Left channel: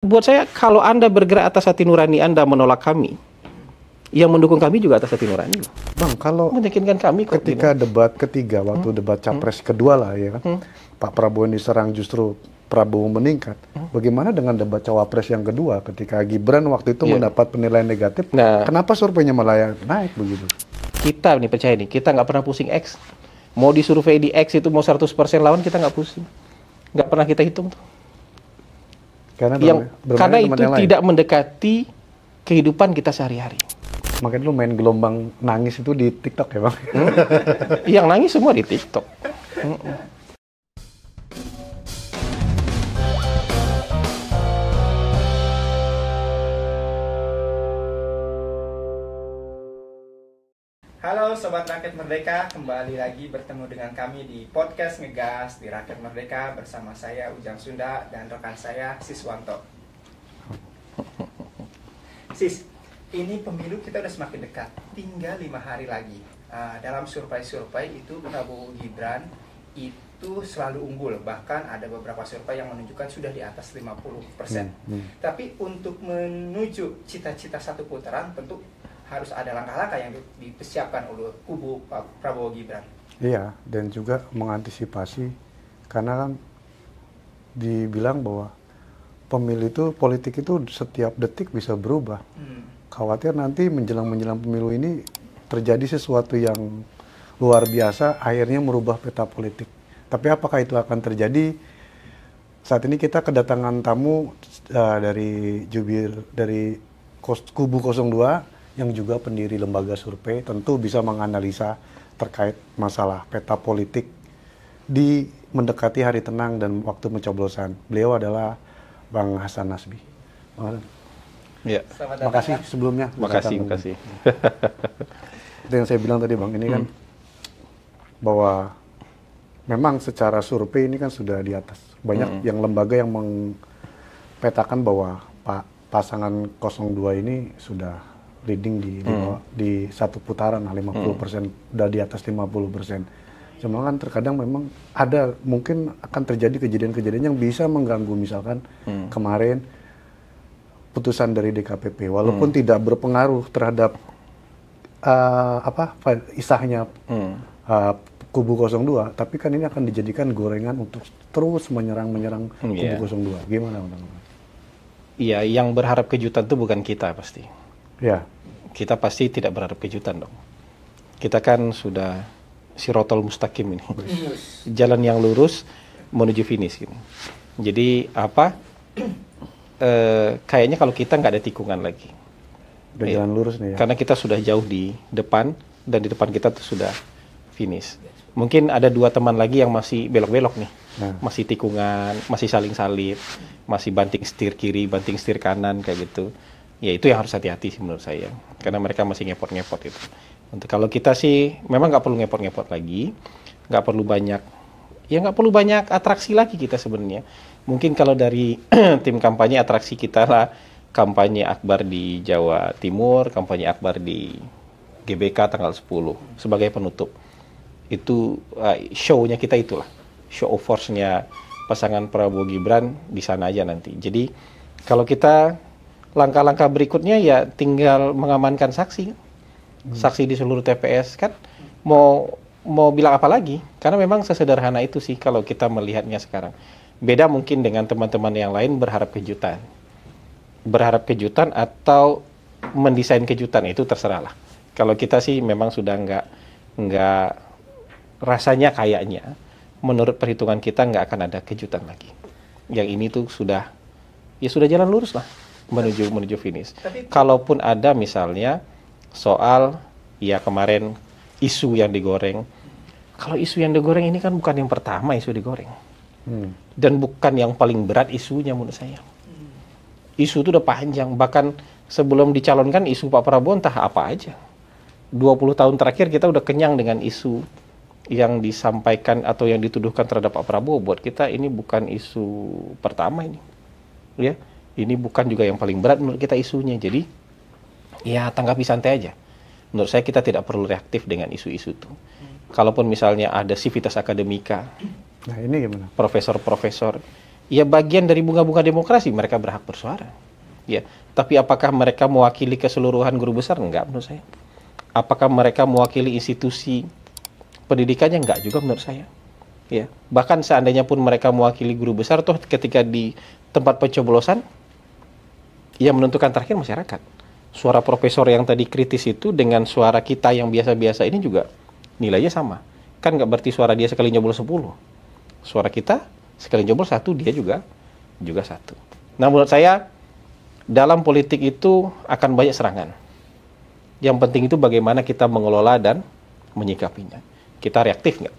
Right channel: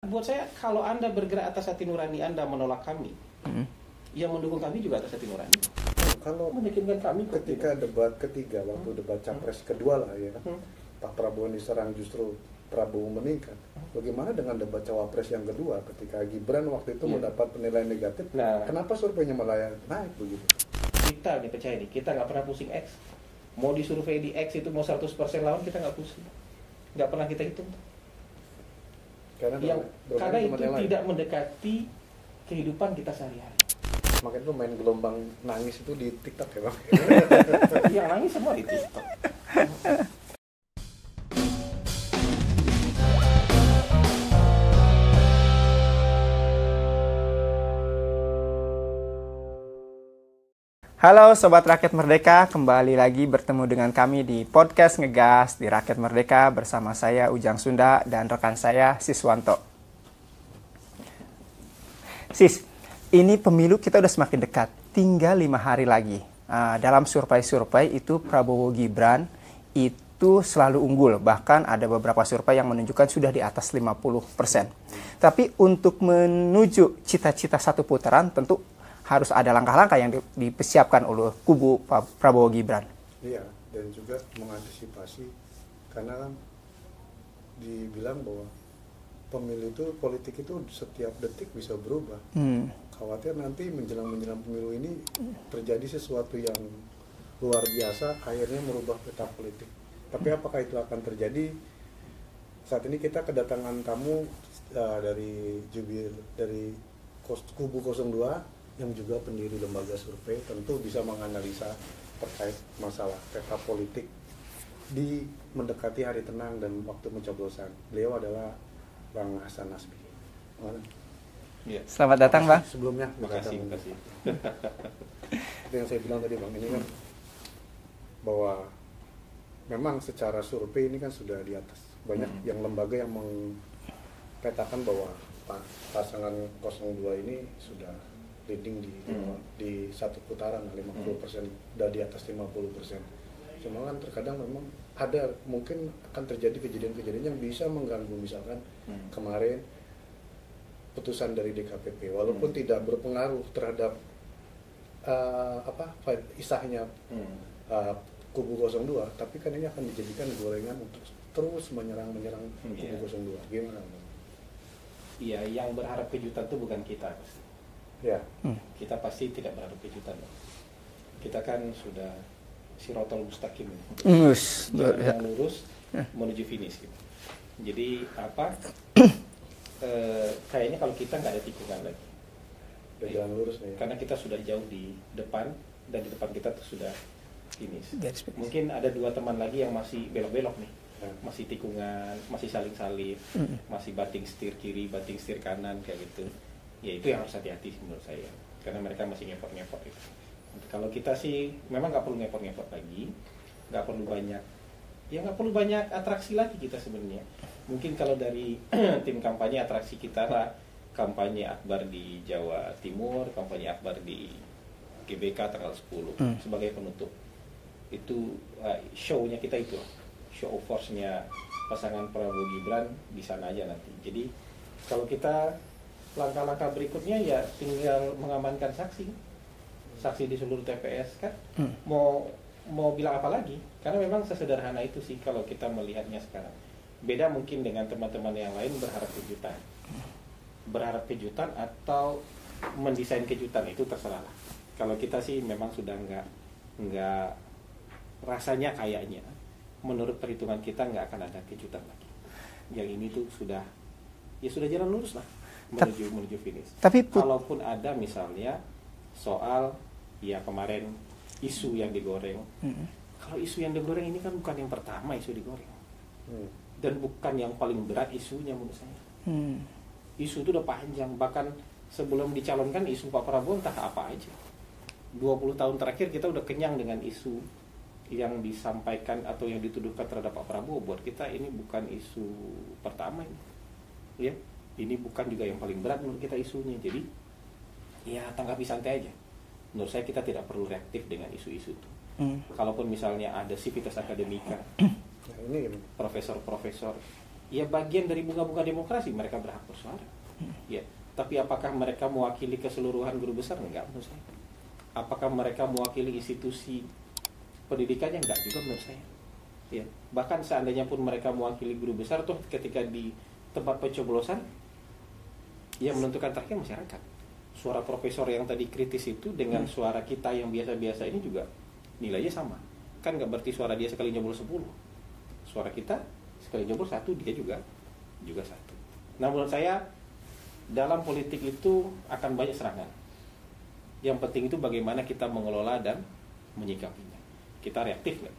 Buat saya, kalau Anda bergerak atas hati nurani Anda menolak kami, yang mendukung kami juga atas hati nurani. Bang, kalau Meyakinkan kami kok. ketika debat ketiga, waktu debat capres kedua lah ya kan, Pak Prabowo yang diserang justru Prabowo meningkat. Bagaimana dengan debat cawapres yang kedua ketika Gibran waktu itu mendapat penilaian negatif? Nah, Kenapa surveinya malah naik begitu? kita nih percaya nih, kita nggak pernah pusing X. Mau disurvei di X itu mau 100% lawan, kita nggak pusing. Nggak pernah kita hitung tuh. Karena itu tidak mendekati kehidupan kita sehari-hari. Makanya lu main gelombang nangis itu di TikTok ya Bang? Yang nangis semua di TikTok. Halo Sobat Rakyat Merdeka, kembali lagi bertemu dengan kami di Podcast Ngegas di Rakyat Merdeka bersama saya Ujang Sunda dan rekan saya Siswanto. Sis, ini pemilu kita udah semakin dekat, tinggal 5 hari lagi. Dalam survei-survei itu Prabowo Gibran itu selalu unggul, bahkan ada beberapa survei yang menunjukkan sudah di atas 50%. Tapi untuk menuju cita-cita satu putaran tentu harus ada langkah-langkah yang dipersiapkan oleh kubu Prabowo Gibran. Iya, dan juga mengantisipasi karena kan dibilang bahwa pemilu itu, politik itu setiap detik bisa berubah. Khawatir nanti menjelang pemilu ini terjadi sesuatu yang luar biasa, akhirnya merubah peta politik. Tapi apakah itu akan terjadi? Saat ini kita kedatangan tamu dari kubu 02 yang juga pendiri lembaga survei, tentu bisa menganalisa terkait masalah peta politik di mendekati hari tenang dan waktu mencoblosan. Beliau adalah Bang Hasan Nasbi. Ya. Selamat datang, Bang. Sebelumnya. Makasih. Itu yang saya bilang tadi, Bang, ini kan bahwa memang secara survei ini kan sudah di atas. Banyak yang lembaga yang mempetakan bahwa pasangan 02 ini sudah leading di satu putaran 50%, udah di atas 50%. Cuma kan terkadang memang ada mungkin akan terjadi kejadian-kejadian yang bisa mengganggu, misalkan kemarin putusan dari DKPP walaupun tidak berpengaruh terhadap isahnya kubu 02, tapi kan ini akan dijadikan gorengan untuk terus menyerang kubu 02. Gimana, Bang? Iya, yang berharap kejutan itu bukan kita pasti. Ya. Kita pasti tidak berharap kejutan dong. Kita kan sudah sirotol mustaqim ini. Jalan yang lurus menuju finish gitu. Jadi kayaknya kalau kita nggak ada tikungan lagi. Udah jalan lurus nih ya. Karena kita sudah jauh di depan dan di depan kita tuh sudah finish. Mungkin ada 2 teman lagi yang masih belok-belok nih. Masih tikungan, masih saling salib, masih banting setir kiri, banting setir kanan kayak gitu. Ya itu yang harus hati-hati sih menurut saya, karena mereka masih ngepot-ngepot itu. Kalau kita sih memang nggak perlu ngepot-ngepot lagi, nggak perlu banyak atraksi lagi kita sebenarnya. Mungkin kalau dari tim kampanye, atraksi kita lah kampanye akbar di Jawa Timur, kampanye akbar di GBK tanggal 10 sebagai penutup. Itu show-nya kita itulah, show of force-nya pasangan Prabowo Gibran di sana aja nanti. Jadi kalau kita langkah-langkah berikutnya ya tinggal mengamankan saksi di seluruh TPS kan. Mau bilang apa lagi, karena memang sesederhana itu sih kalau kita melihatnya sekarang. Beda mungkin dengan teman-teman yang lain berharap kejutan atau mendesain kejutan, itu terserah lah. Kalau kita sih memang sudah nggak rasanya, kayaknya menurut perhitungan kita nggak akan ada kejutan lagi. Yang ini tuh sudah jalan lurus lah menuju finish. Tapi kalaupun ada misalnya soal kemarin isu yang digoreng. Kalau isu yang digoreng ini kan bukan yang pertama isu digoreng. Dan bukan yang paling berat isunya menurut saya. Isu itu udah panjang, bahkan sebelum dicalonkan isu Pak Prabowo entah apa aja. 20 tahun terakhir kita udah kenyang dengan isu yang disampaikan atau yang dituduhkan terhadap Pak Prabowo. Buat kita ini bukan isu pertama ini. Ya. Ini bukan juga yang paling berat menurut kita isunya. Jadi, ya tanggapi santai aja. Menurut saya kita tidak perlu reaktif dengan isu-isu itu. Kalaupun misalnya ada Civitas Akademika, nah ini gimana? Profesor-profesor Ya bagian dari bunga-bunga demokrasi, mereka berhak bersuara. Ya, tapi apakah mereka mewakili keseluruhan guru besar? Enggak menurut saya. Apakah mereka mewakili institusi pendidikannya? Enggak juga menurut saya. Ya, bahkan seandainya pun mereka mewakili guru besar, toh ketika di tempat pencoblosan, yang menentukan terakhir masyarakat. Suara profesor yang tadi kritis itu dengan suara kita yang biasa-biasa ini juga nilainya sama. Kan nggak berarti suara dia sekali nyoblos 10. Suara kita sekali nyoblos 1, dia juga 1. Nah, menurut saya dalam politik itu akan banyak serangan. Yang penting itu bagaimana kita mengelola dan menyikapinya. Kita reaktif nggak?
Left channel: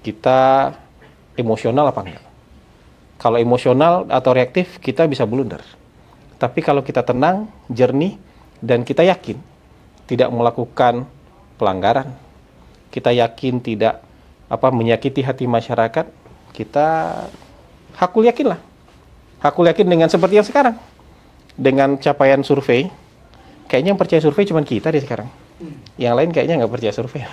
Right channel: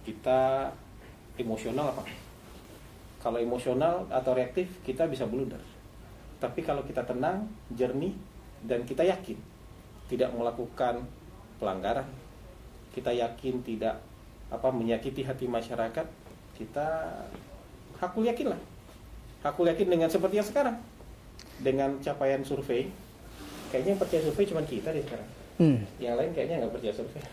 Kita emosional apa enggak? Kalau emosional atau reaktif, kita bisa blunder. Tapi kalau kita tenang, jernih, dan kita yakin tidak melakukan pelanggaran, kita yakin tidak menyakiti hati masyarakat, kita hakul yakin lah. Hakul yakin dengan seperti yang sekarang. Dengan capaian survei, kayaknya yang percaya survei cuma kita deh sekarang. Yang lain kayaknya nggak percaya survei.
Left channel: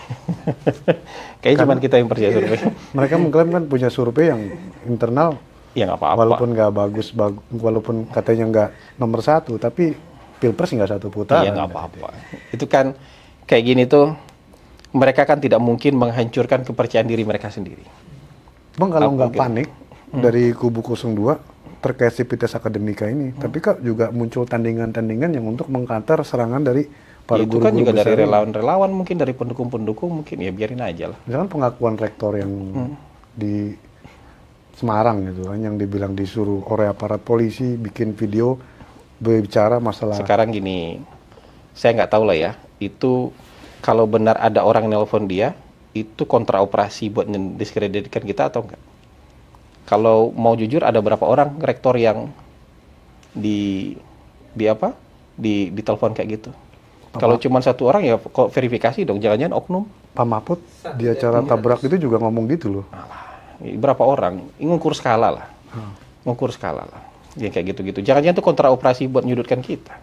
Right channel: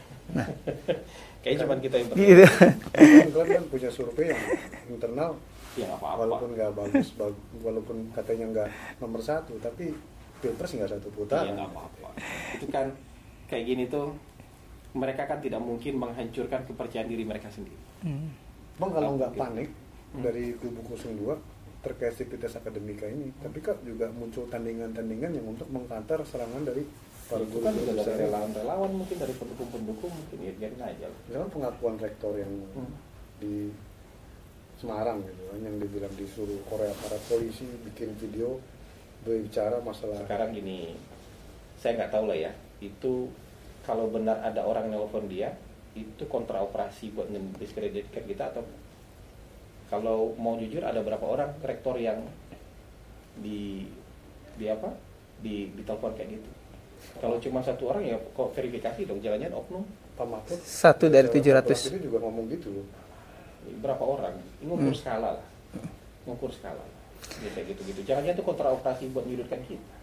Kayaknya cuma kita yang percaya survei. Mereka mengklaim kan punya survei yang internal. Ya nggak apa-apa. Walaupun nggak bagus, walaupun katanya nggak nomor 1, tapi pilpres nggak 1 putaran. Iya nggak apa-apa. Itu kan kayak gini tuh, mereka kan tidak mungkin menghancurkan kepercayaan diri mereka sendiri. Bang, kalau nggak panik dari kubu 02 terkait Sivitas Akademika ini, tapi kak juga muncul tandingan-tandingan yang untuk mengkantar serangan dari para itu guru-guru kan juga besar dari relawan-relawan, mungkin dari pendukung-pendukung, mungkin ya biarin aja lah. Misalkan pengakuan rektor yang di Semarang gitu kan, yang dibilang disuruh oleh aparat polisi bikin video berbicara masalah. Sekarang gini, saya nggak tahu lah ya, itu kalau benar ada orang nelpon dia, itu kontra operasi buat mendiskreditkan kita atau enggak? Kalau mau jujur, ada berapa orang rektor yang ditelepon kayak gitu? Kalau cuma 1 orang ya kok verifikasi dong, jangan-jangan oknum. Pak Mahfud Satu di dari acara 700. tabrak itu juga ngomong gitu loh. Berapa orang? Ngukur skala lah. Ngukur skala lah. Ya kayak gitu-gitu. Jangan-jangan itu kontra operasi buat nyudutkan kita.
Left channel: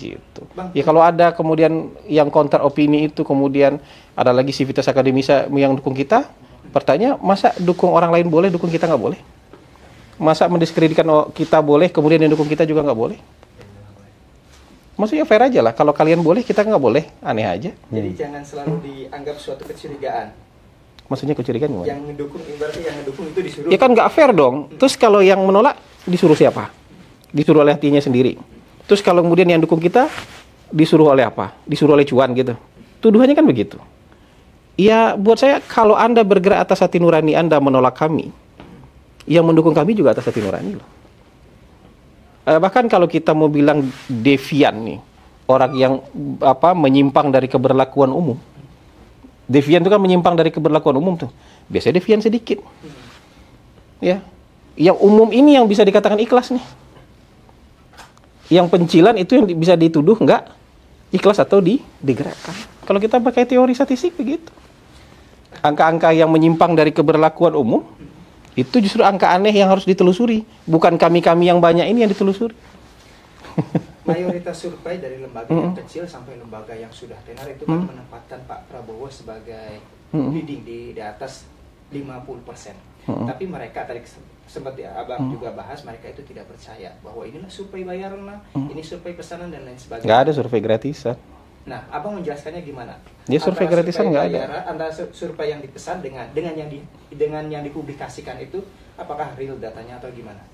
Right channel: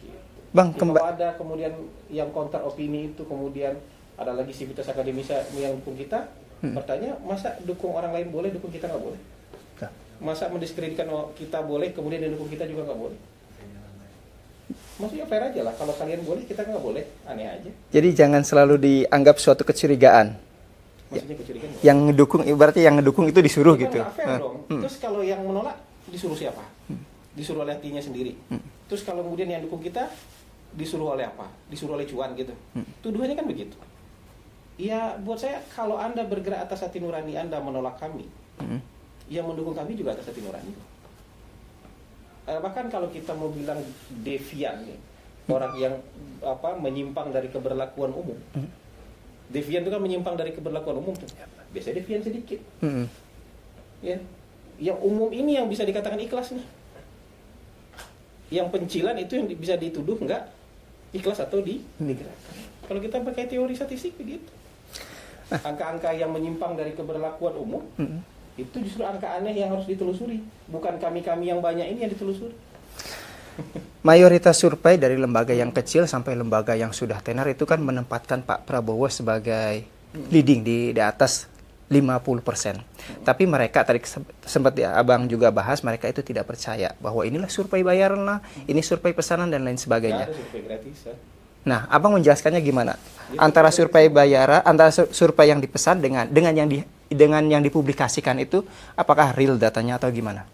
Gitu. Bang, ya kalau ada kemudian yang kontra opini itu, kemudian ada lagi Sivitas Akademika yang dukung kita, pertanyaan, masa dukung orang lain boleh, dukung kita nggak boleh? Masa mendiskreditkan kita boleh, kemudian yang dukung kita juga nggak boleh? Maksudnya fair aja lah. Kalau kalian boleh, kita nggak boleh. Aneh aja. Jadi jangan selalu dianggap suatu kecurigaan. Maksudnya kecurigaan gimana? Yang ngedukung, berarti yang ngedukung itu disuruh. Ya kan gitu. nggak fair dong. Terus kalau yang menolak, disuruh siapa? Disuruh oleh hatinya sendiri. Terus kalau kemudian yang dukung kita, disuruh oleh apa? Disuruh oleh cuan gitu. Tuduhannya kan begitu. Ya buat saya, kalau Anda bergerak atas hati nurani Anda menolak kami, yang mendukung kami juga atas hati nurani loh. Bahkan kalau kita mau bilang devian nih, orang yang menyimpang dari keberlakuan umum. Devian itu kan menyimpang dari keberlakuan umum tuh. Biasanya devian sedikit. Ya. Yang umum ini yang bisa dikatakan ikhlas nih. Yang pencilan itu yang bisa dituduh nggak ikhlas atau digerakkan. Kalau kita pakai teori statistik begitu. Angka-angka yang menyimpang dari keberlakuan umum, itu justru angka aneh yang harus ditelusuri. Bukan kami-kami yang banyak ini yang ditelusuri. Mayoritas survei dari lembaga yang kecil sampai lembaga yang sudah tenar itu kan menempatkan Pak Prabowo sebagai leading di atas 50%. Tapi mereka tadi sempat Abang juga bahas, mereka itu tidak percaya bahwa inilah survei bayaran lah, ini survei pesanan dan lain sebagainya. Nggak ada survei gratisan. Nah, Abang menjelaskannya gimana? Ya, Antara survei gratisan bayaran, antara survei yang dipesan dengan yang dipublikasikan itu, apakah real datanya atau gimana?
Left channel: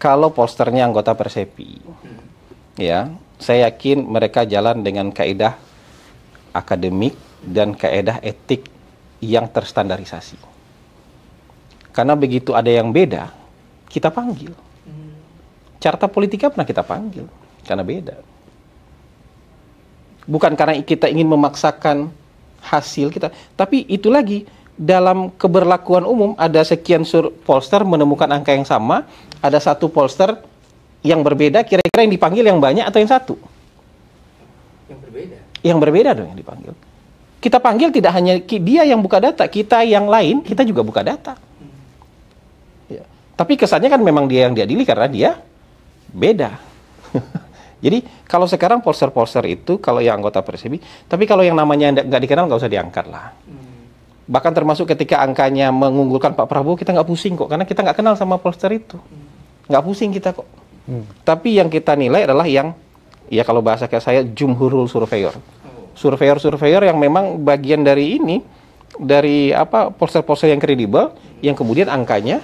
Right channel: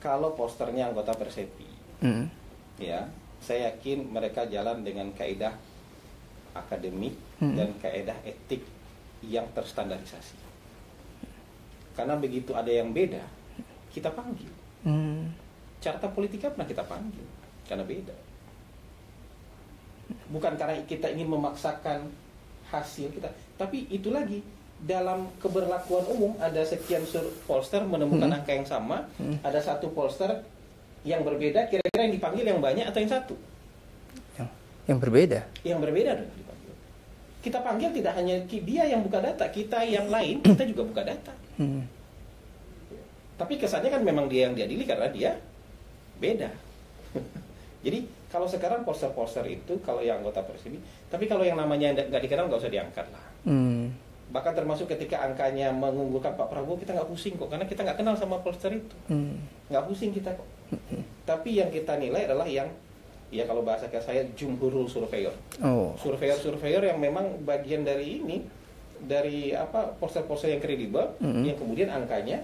Kalau posternya anggota Persepi, ya, saya yakin mereka jalan dengan kaidah akademik dan kaidah etik yang terstandarisasi. Karena begitu ada yang beda, kita panggil. Carta politika pernah kita panggil, karena beda. Bukan karena kita ingin memaksakan hasil kita, tapi itu lagi, dalam keberlakuan umum ada sekian pollster menemukan angka yang sama, ada satu pollster yang berbeda, kira-kira yang dipanggil yang banyak atau yang satu? Yang berbeda. Yang berbeda dong yang dipanggil. Kita panggil tidak hanya dia yang buka data, kita yang lain, kita juga buka data. Ya. Tapi kesannya kan memang dia yang diadili karena dia beda. Jadi kalau sekarang pollster-pollster itu, kalau yang anggota Persepi, tapi kalau yang namanya nggak dikenal nggak usah diangkat lah. Bahkan termasuk ketika angkanya mengunggulkan Pak Prabowo, kita nggak pusing kok, karena kita nggak kenal sama pollster itu. Nggak pusing kita kok. Tapi yang kita nilai adalah yang, ya kalau bahasa kayak saya, jumhurul surveyor. Surveyor-surveyor yang memang bagian dari ini, dari apa, pollster-pollster yang kredibel, yang kemudian angkanya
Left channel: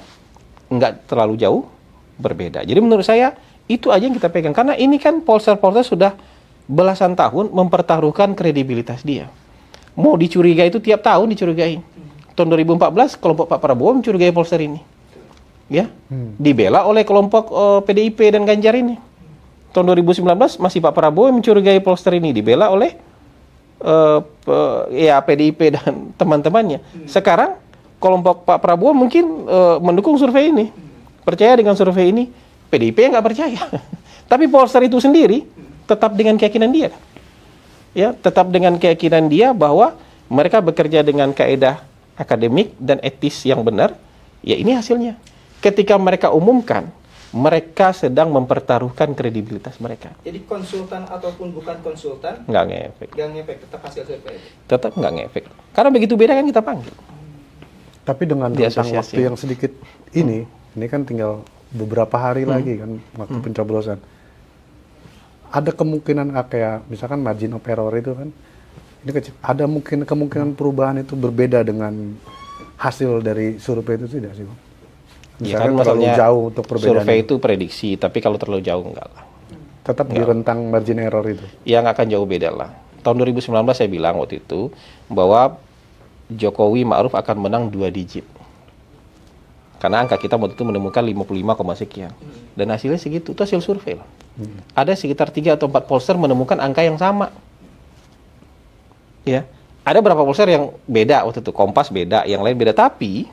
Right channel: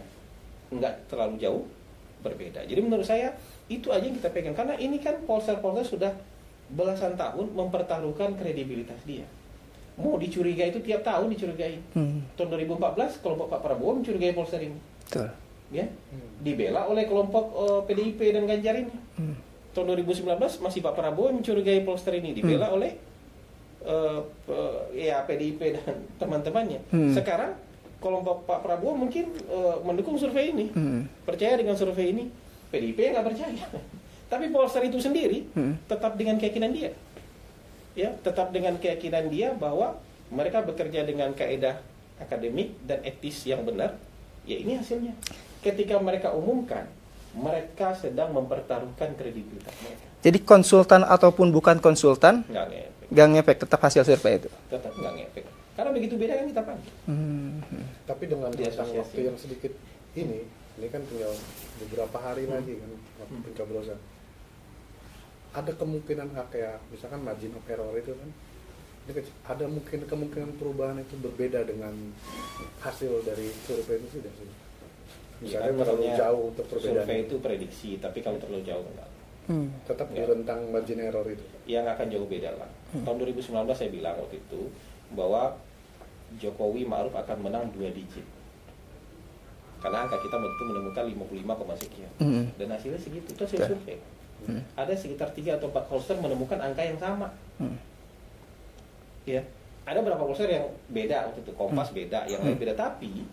nggak terlalu jauh berbeda. Jadi menurut saya, itu aja yang kita pegang. Karena ini kan pollster-pollster sudah belasan tahun mempertaruhkan kredibilitas dia. Mau dicurigai itu tiap tahun dicurigai. Tahun 2014 kelompok Pak Prabowo mencurigai pollster ini. Betul. Ya, dibela oleh kelompok PDIP dan Ganjar ini. Tahun 2019 masih Pak Prabowo yang mencurigai pollster ini, dibela oleh ya PDIP dan teman-temannya. Sekarang kelompok Pak Prabowo mungkin mendukung survei ini, percaya dengan survei ini, PDIP yang nggak percaya. Tapi pollster itu sendiri tetap dengan keyakinan dia. Ya, tetap dengan keyakinan dia bahwa mereka bekerja dengan kaedah akademik dan etis yang benar. Ya, ini hasilnya. Ketika mereka umumkan, mereka sedang mempertaruhkan kredibilitas mereka. Jadi konsultan ataupun bukan konsultan Nggak ngefek. nggak ngefek, tetap hasil survei itu. Tetap nggak ngefek. Karena begitu beda kan kita panggil. Tapi dengan Di rentang asosiasi. waktu yang sedikit ini kan tinggal beberapa hari lagi kan waktu pencoblosan. Ada kemungkinan kayak misalkan margin of error itu kan ini kecil. Ada kemungkinan perubahan itu berbeda dengan hasil dari survei itu tidak sih, Bang? Ya kan, Misalkan terlalu maksudnya jauh untuk perbedaan. survei itu prediksi, tapi kalau terlalu jauh enggak lah. Tetap di rentang margin error itu. Ya nggak akan jauh beda lah. Tahun 2019 saya bilang waktu itu bahwa Jokowi Ma'ruf akan menang 2 digit. Karena angka kita waktu itu menemukan 55, sekian. Dan hasilnya segitu, itu hasil survei loh. Ada sekitar 3 atau 4 pollster menemukan angka yang sama. Ya, ada beberapa pollster yang beda waktu itu, Kompas beda, yang lain beda, tapi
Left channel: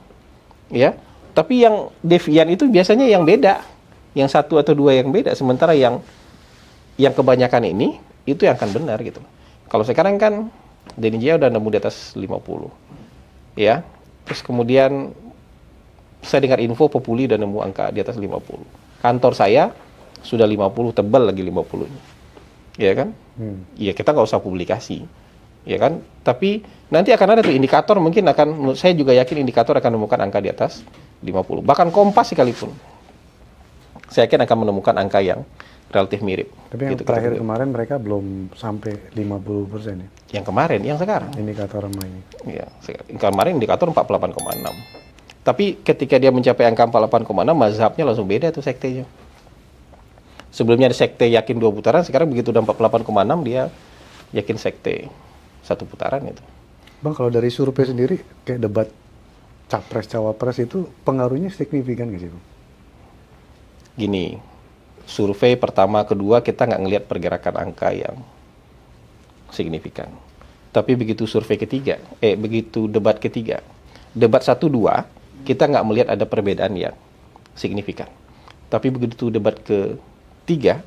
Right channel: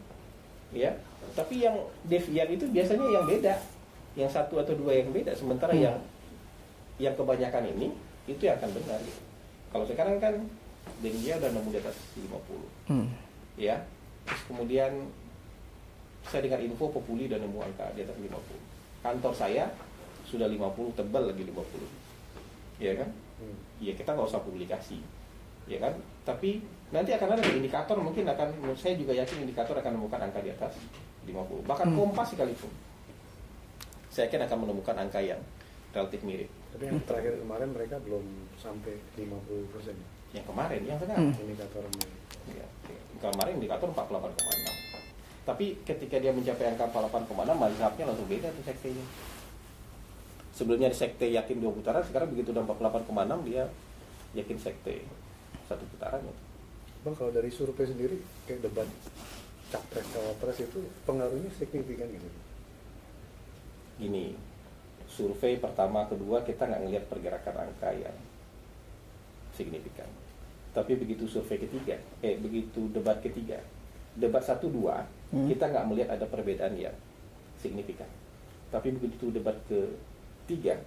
yang devian itu biasanya yang beda, yang 1 atau 2 yang beda, sementara yang kebanyakan ini itu yang akan benar gitu. Kalau sekarang kan Denny Jaya udah nemu di atas 50, ya, terus kemudian saya dengar info Populi udah nemu angka di atas 50, kantor saya sudah 50, tebal lagi 50, ya kan? Ya kita nggak usah publikasi. Ya kan, tapi nanti akan ada tuh indikator, mungkin akan, saya juga yakin indikator akan menemukan angka di atas 50. Bahkan Kompas sekalipun, saya yakin akan menemukan angka yang relatif mirip. Tapi yang gitu, terakhir kemarin mereka belum sampai 50% ya? Yang kemarin, yang sekarang. Indikator ramai. Ya, kemarin indikator 48,6. Tapi ketika dia mencapai angka 48,6, mazhabnya langsung beda tuh sektenya. Sebelumnya ada sekte yakin 2 putaran, sekarang begitu udah 48,6 dia yakin sekte 1 putaran itu. Bang, kalau dari survei sendiri, kayak debat Capres-Cawapres itu pengaruhnya signifikan nggak sih, Bang? Gini, survei pertama, kedua kita nggak ngelihat pergerakan angka yang signifikan. Tapi begitu survei ketiga, begitu debat ketiga, debat 1-2, kita nggak melihat ada perbedaan yang signifikan. Tapi begitu debat ketiga,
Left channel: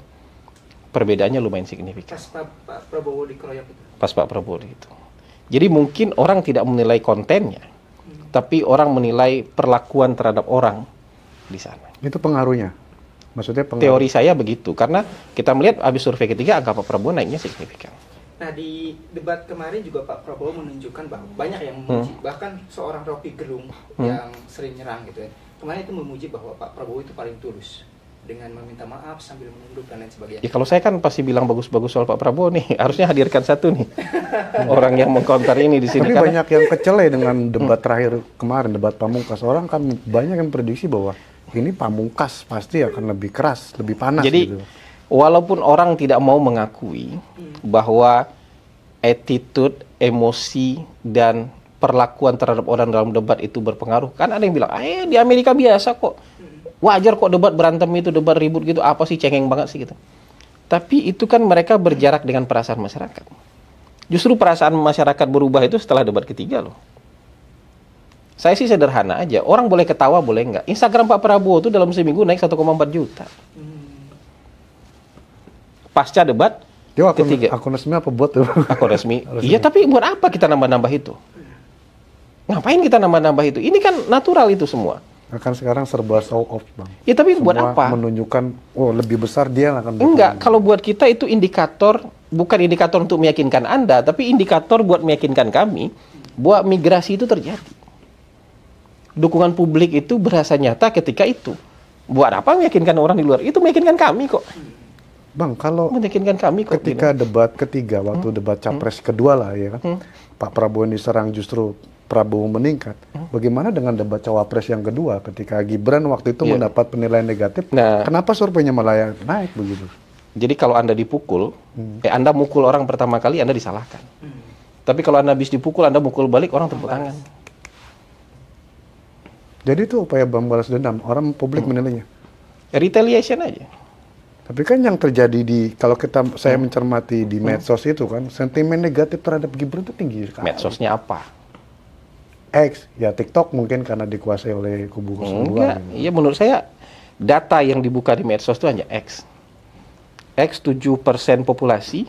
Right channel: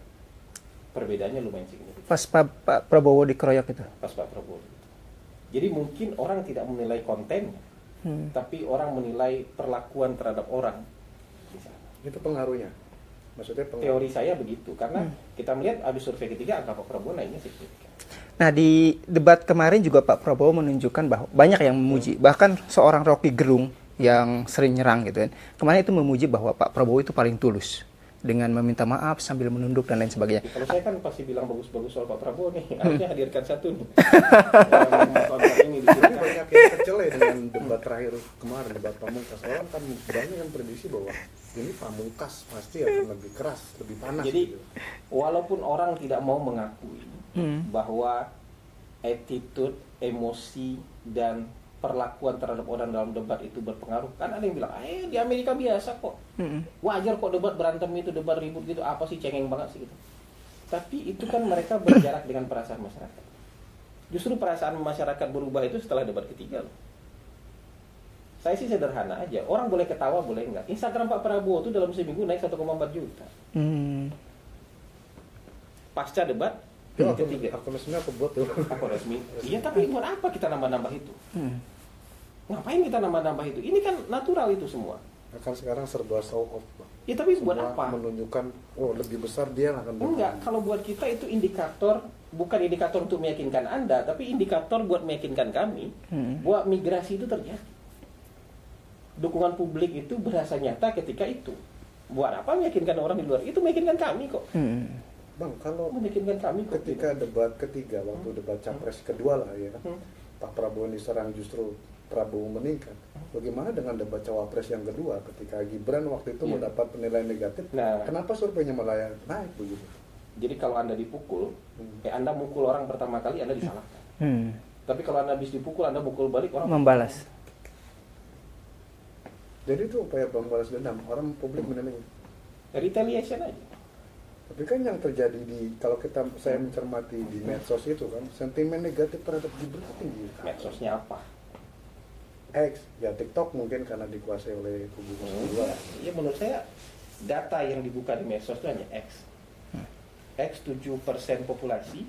perbedaannya lumayan signifikan. Pas Pak Prabowo dikeroyok itu. Pas Pak Prabowo itu. Jadi mungkin orang tidak menilai kontennya, tapi orang menilai perlakuan terhadap orang di sana. Itu pengaruhnya? Maksudnya Teori saya begitu, karena kita melihat habis survei ketiga angka Pak Prabowo naiknya signifikan. Nah, di debat kemarin juga Pak Prabowo menunjukkan bahwa banyak yang memuji, bahkan seorang Rocky Gerung yang sering nyerang gitu kan. Kemarin itu memuji bahwa Pak Prabowo itu paling tulus dengan meminta maaf sambil menunduk dan lain sebagainya. Ya, kalau saya kan pasti bilang bagus-bagus soal Pak Prabowo nih, harusnya hadirkan satu nih orang yang mengkonter ini di sini. Tapi banyak yang kecele dengan debat terakhir kemarin, debat Pamungkas. Orang kan banyak yang prediksi bahwa ini Pamungkas pasti akan lebih keras, lebih panas. Jadi gitu. walaupun orang tidak mau mengakui bahwa attitude, emosi, dan perlakuan terhadap orang dalam debat itu berpengaruh. Kan ada yang bilang, di Amerika biasa kok. Wajar kok debat berantem itu, debat ribut gitu. Apa sih, cengeng banget sih gitu. Tapi itu kan mereka berjarak dengan perasaan masyarakat. Justru perasaan masyarakat berubah itu setelah debat ketiga loh. Saya sih sederhana aja. Orang boleh ketawa, boleh enggak. Instagram Pak Prabowo itu dalam seminggu naik 1,4 juta. Pasca debat ketiga. Akun resmi apa bot tuh? Akun resmi. Iya, tapi buat apa kita nambah-nambah itu? Ngapain kita nambah-nambah itu? Ini kan natural itu semua. Akan sekarang serba show off, Bang. Ya, tapi Semua buat apa? menunjukkan, lebih besar dia lah kan. Enggak, kalau buat kita itu indikator bukan indikator untuk meyakinkan Anda, tapi indikator buat meyakinkan kami bahwa migrasi itu terjadi. Dukungan publik itu berasa nyata ketika itu. Buat apa meyakinkan orang di luar? Itu meyakinkan kami kok. Bang, kalau Meyakinkan kami kok. ketika debat ketiga, waktu debat capres kedua lah ya kan, Pak Prabowo yang diserang justru Prabowo meningkat. Bagaimana dengan debat cawapres yang kedua ketika Gibran waktu itu mendapat penilaian negatif? Nah, Kenapa surveinya malah naik begitu? jadi kalau Anda dipukul, Anda mukul orang pertama kali, Anda disalahkan. Tapi kalau Anda habis dipukul, Anda mukul balik, orang Membalas. Jadi itu upaya balas dendam. Orang publik menilainya. Retaliation aja. Tapi kan yang terjadi kalau saya mencermati di medsos itu kan, sentimen negatif terhadap Gibran itu tinggi sekali. Medsosnya apa? X, ya TikTok mungkin karena dikuasai oleh kubu 02. Enggak. Iya, menurut saya data yang dibuka di medsos itu hanya X. X 7% populasi,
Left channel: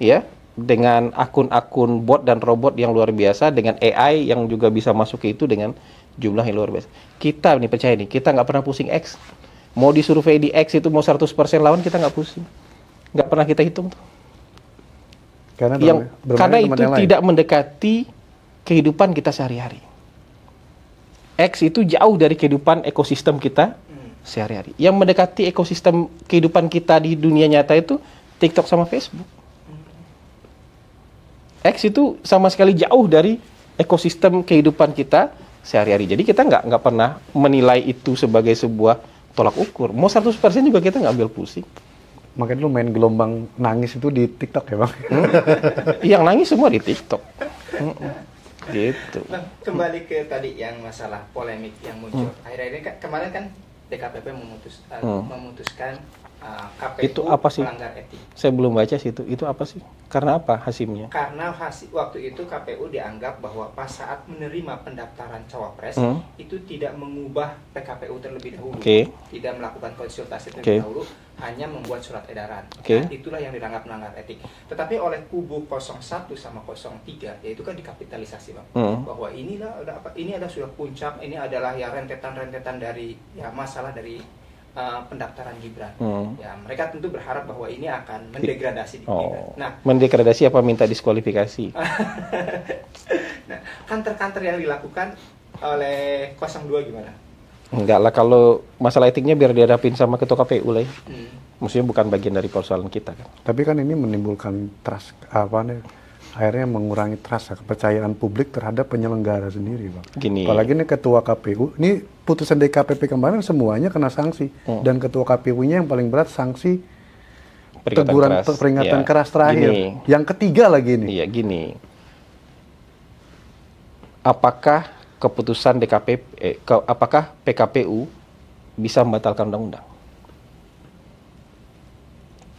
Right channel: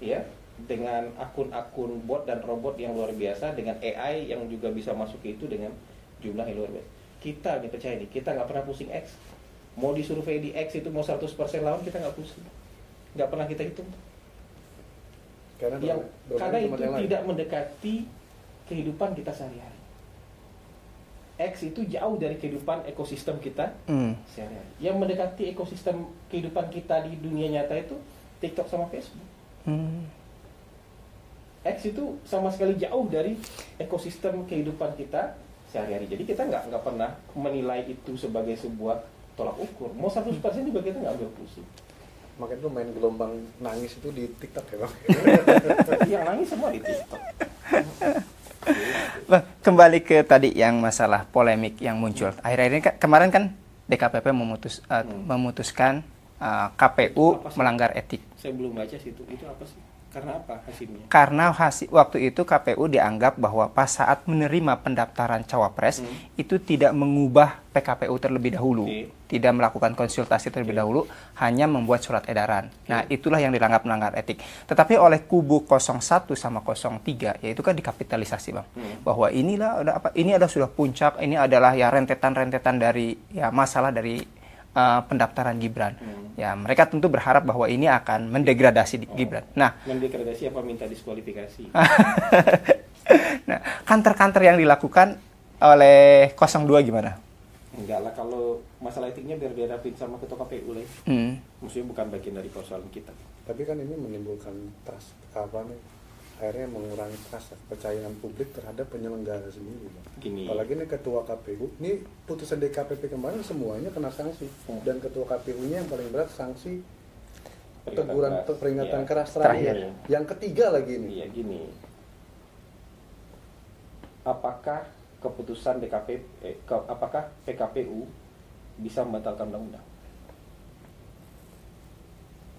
ya, dengan akun-akun bot dan robot yang luar biasa, dengan AI yang juga bisa masuk ke itu dengan jumlah yang luar biasa. Kita nih percaya nih, kita nggak pernah pusing X. Mau disurvei di X itu mau 100% lawan, kita nggak pusing. Nggak pernah kita hitung tuh. Karena itu tidak mendekati kehidupan kita sehari-hari. X itu jauh dari kehidupan ekosistem kita sehari-hari. Yang mendekati ekosistem kehidupan kita di dunia nyata itu TikTok sama Facebook. X itu sama sekali jauh dari ekosistem kehidupan kita sehari-hari. Jadi kita nggak pernah menilai itu sebagai sebuah tolak ukur. Mau 100% juga kita nggak ambil pusing. Makanya lu main gelombang nangis itu di TikTok ya Bang? Yang nangis semua di TikTok. Gitu. Bang, kembali ke tadi yang masalah polemik yang muncul. Akhir-akhir ini kemarin kan DKPP memutuskan KPU melanggar etik. Saya belum baca sih itu. Itu apa sih? Karena apa hasilnya? Karena waktu itu KPU dianggap bahwa pas saat menerima pendaftaran cawapres itu tidak mengubah PKPU terlebih dahulu, tidak melakukan konsultasi terlebih dahulu, hanya membuat surat edaran. Nah, itulah yang dianggap melanggar etik. Tetapi oleh kubu 01 sama 03, yaitu kan dikapitalisasi Bang, bahwa ini adalah sudah puncak, ini adalah ya rentetan-rentetan dari ya masalah dari pendaftaran Gibran. Ya, mereka tentu berharap bahwa ini akan mendegradasi Gibran. Nah, mendegradasi apa minta diskualifikasi? Nah, kantor-kantor yang dilakukan oleh 02 gimana? Enggak lah, kalau masalah etiknya biar dihadapin sama ketua KPU lah. Maksudnya bukan bagian dari persoalan kita kan. Tapi kan ini menimbulkan trust, akhirnya mengurangi trust, kepercayaan publik terhadap penyelenggara sendiri, Bang. Gini. Apalagi ini ketua KPU, ini putusan DKPP kemarin semuanya kena sanksi. Dan ketua KPU-nya yang paling berat sanksi peringatan keras terakhir. Gini. Yang ketiga lagi ini. Iya, gini. Apakah keputusan apakah PKPU bisa membatalkan undang-undang?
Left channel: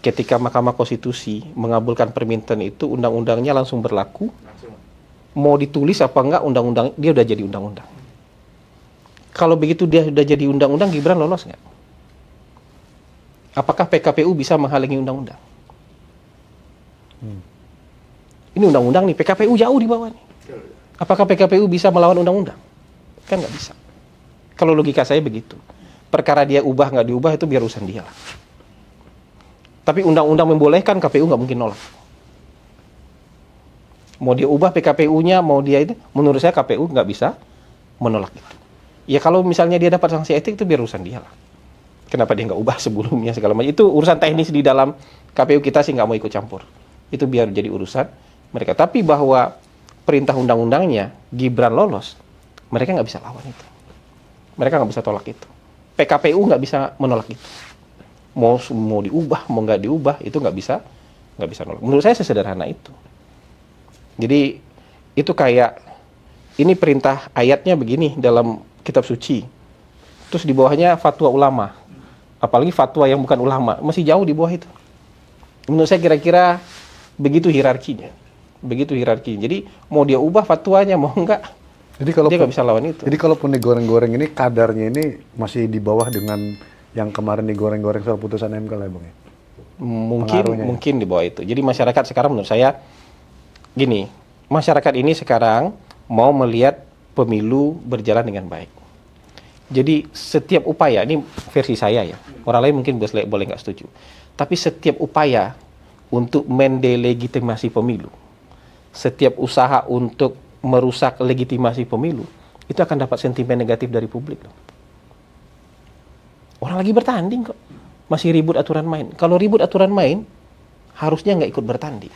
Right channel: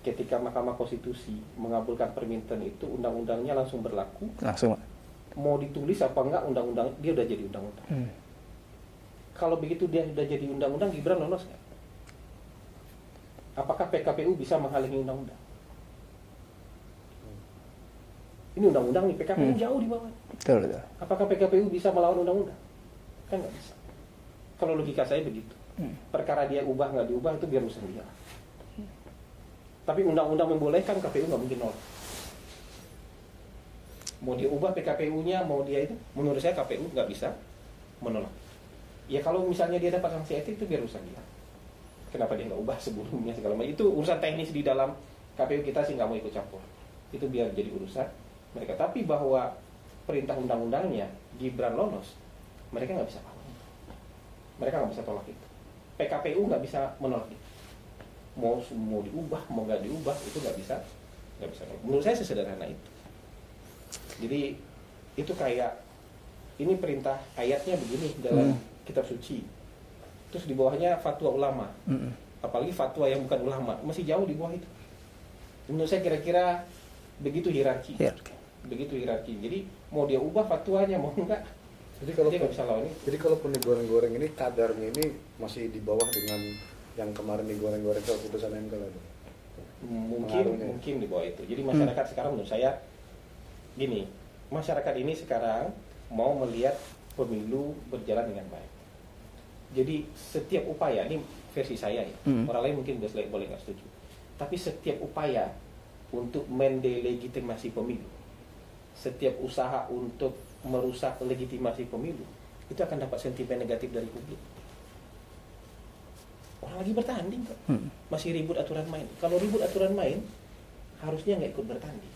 Ketika Mahkamah Konstitusi mengabulkan permintaan itu, undang-undangnya langsung berlaku. Langsung. Mau ditulis apa enggak undang-undang, dia udah jadi undang-undang. Kalau begitu dia sudah jadi undang-undang, Gibran lolos nggak? Apakah PKPU bisa menghalangi undang-undang? Ini undang-undang nih, PKPU jauh di bawah nih. Betul. Apakah PKPU bisa melawan undang-undang? Kan nggak bisa. Kalau logika saya begitu. Perkara dia ubah nggak diubah itu biar urusan dia lah. Tapi undang-undang membolehkan, KPU nggak mungkin nolak. Mau dia ubah PKPU-nya, mau dia itu, menurut saya KPU nggak bisa menolak itu. Ya kalau misalnya dia dapat sanksi etik itu biar urusan dia lah. Kenapa dia nggak ubah sebelumnya segala macam. Itu urusan teknis di dalam KPU kita sih nggak mau ikut campur. Itu biar jadi urusan mereka. Tapi bahwa perintah undang-undangnya Gibran lolos, mereka nggak bisa lawan itu. Mereka nggak bisa tolak itu. PKPU nggak bisa menolak itu. Mau diubah, mau nggak diubah, itu nggak bisa nolak. Menurut saya sesederhana itu. Jadi itu kayak ini perintah ayatnya begini dalam kitab suci. Terus di bawahnya fatwa ulama. Apalagi fatwa yang bukan ulama, masih jauh di bawah itu. Menurut saya kira-kira begitu hierarkinya. Begitu hierarki. Jadi mau dia ubah fatwanya, mau enggak, dia nggak bisa lawan itu. Jadi kalaupun digoreng-goreng ini kadarnya ini masih di bawah dengan yang kemarin digoreng-goreng soal putusan MK lah, Bang. Mungkin di bawah itu. Jadi masyarakat sekarang menurut saya gini, masyarakat ini sekarang mau melihat pemilu berjalan dengan baik. Jadi setiap upaya, ini versi saya ya, orang lain mungkin boleh nggak setuju. Tapi setiap upaya untuk mendelegitimasi pemilu, setiap usaha untuk merusak legitimasi pemilu, itu akan dapat sentimen negatif dari publik. Orang lagi bertanding kok, masih ribut aturan main. Kalau ribut aturan main, harusnya nggak ikut bertanding.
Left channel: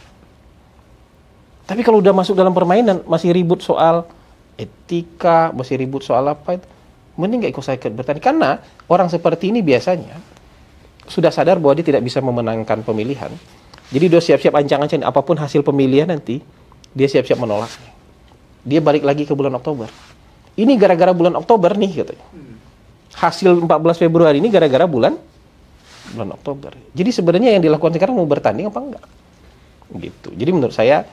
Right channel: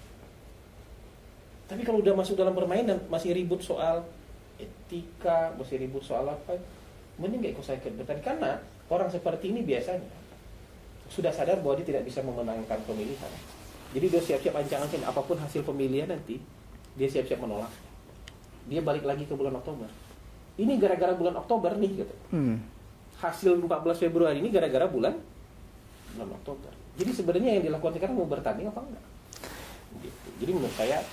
Tapi kalau udah masuk dalam permainan, masih ribut soal etika, masih ribut soal apa itu, mending nggak ikut bertanding. Karena orang seperti ini biasanya sudah sadar bahwa dia tidak bisa memenangkan pemilihan. Jadi dia siap-siap ancang-ancang apapun hasil pemilihan nanti, dia siap-siap menolaknya. Dia balik lagi ke bulan Oktober. Ini gara-gara bulan Oktober nih katanya. Hasil 14 Februari ini gara-gara bulan Oktober. Jadi sebenarnya yang dilakukan sekarang mau bertanding apa enggak? Gitu. Jadi menurut saya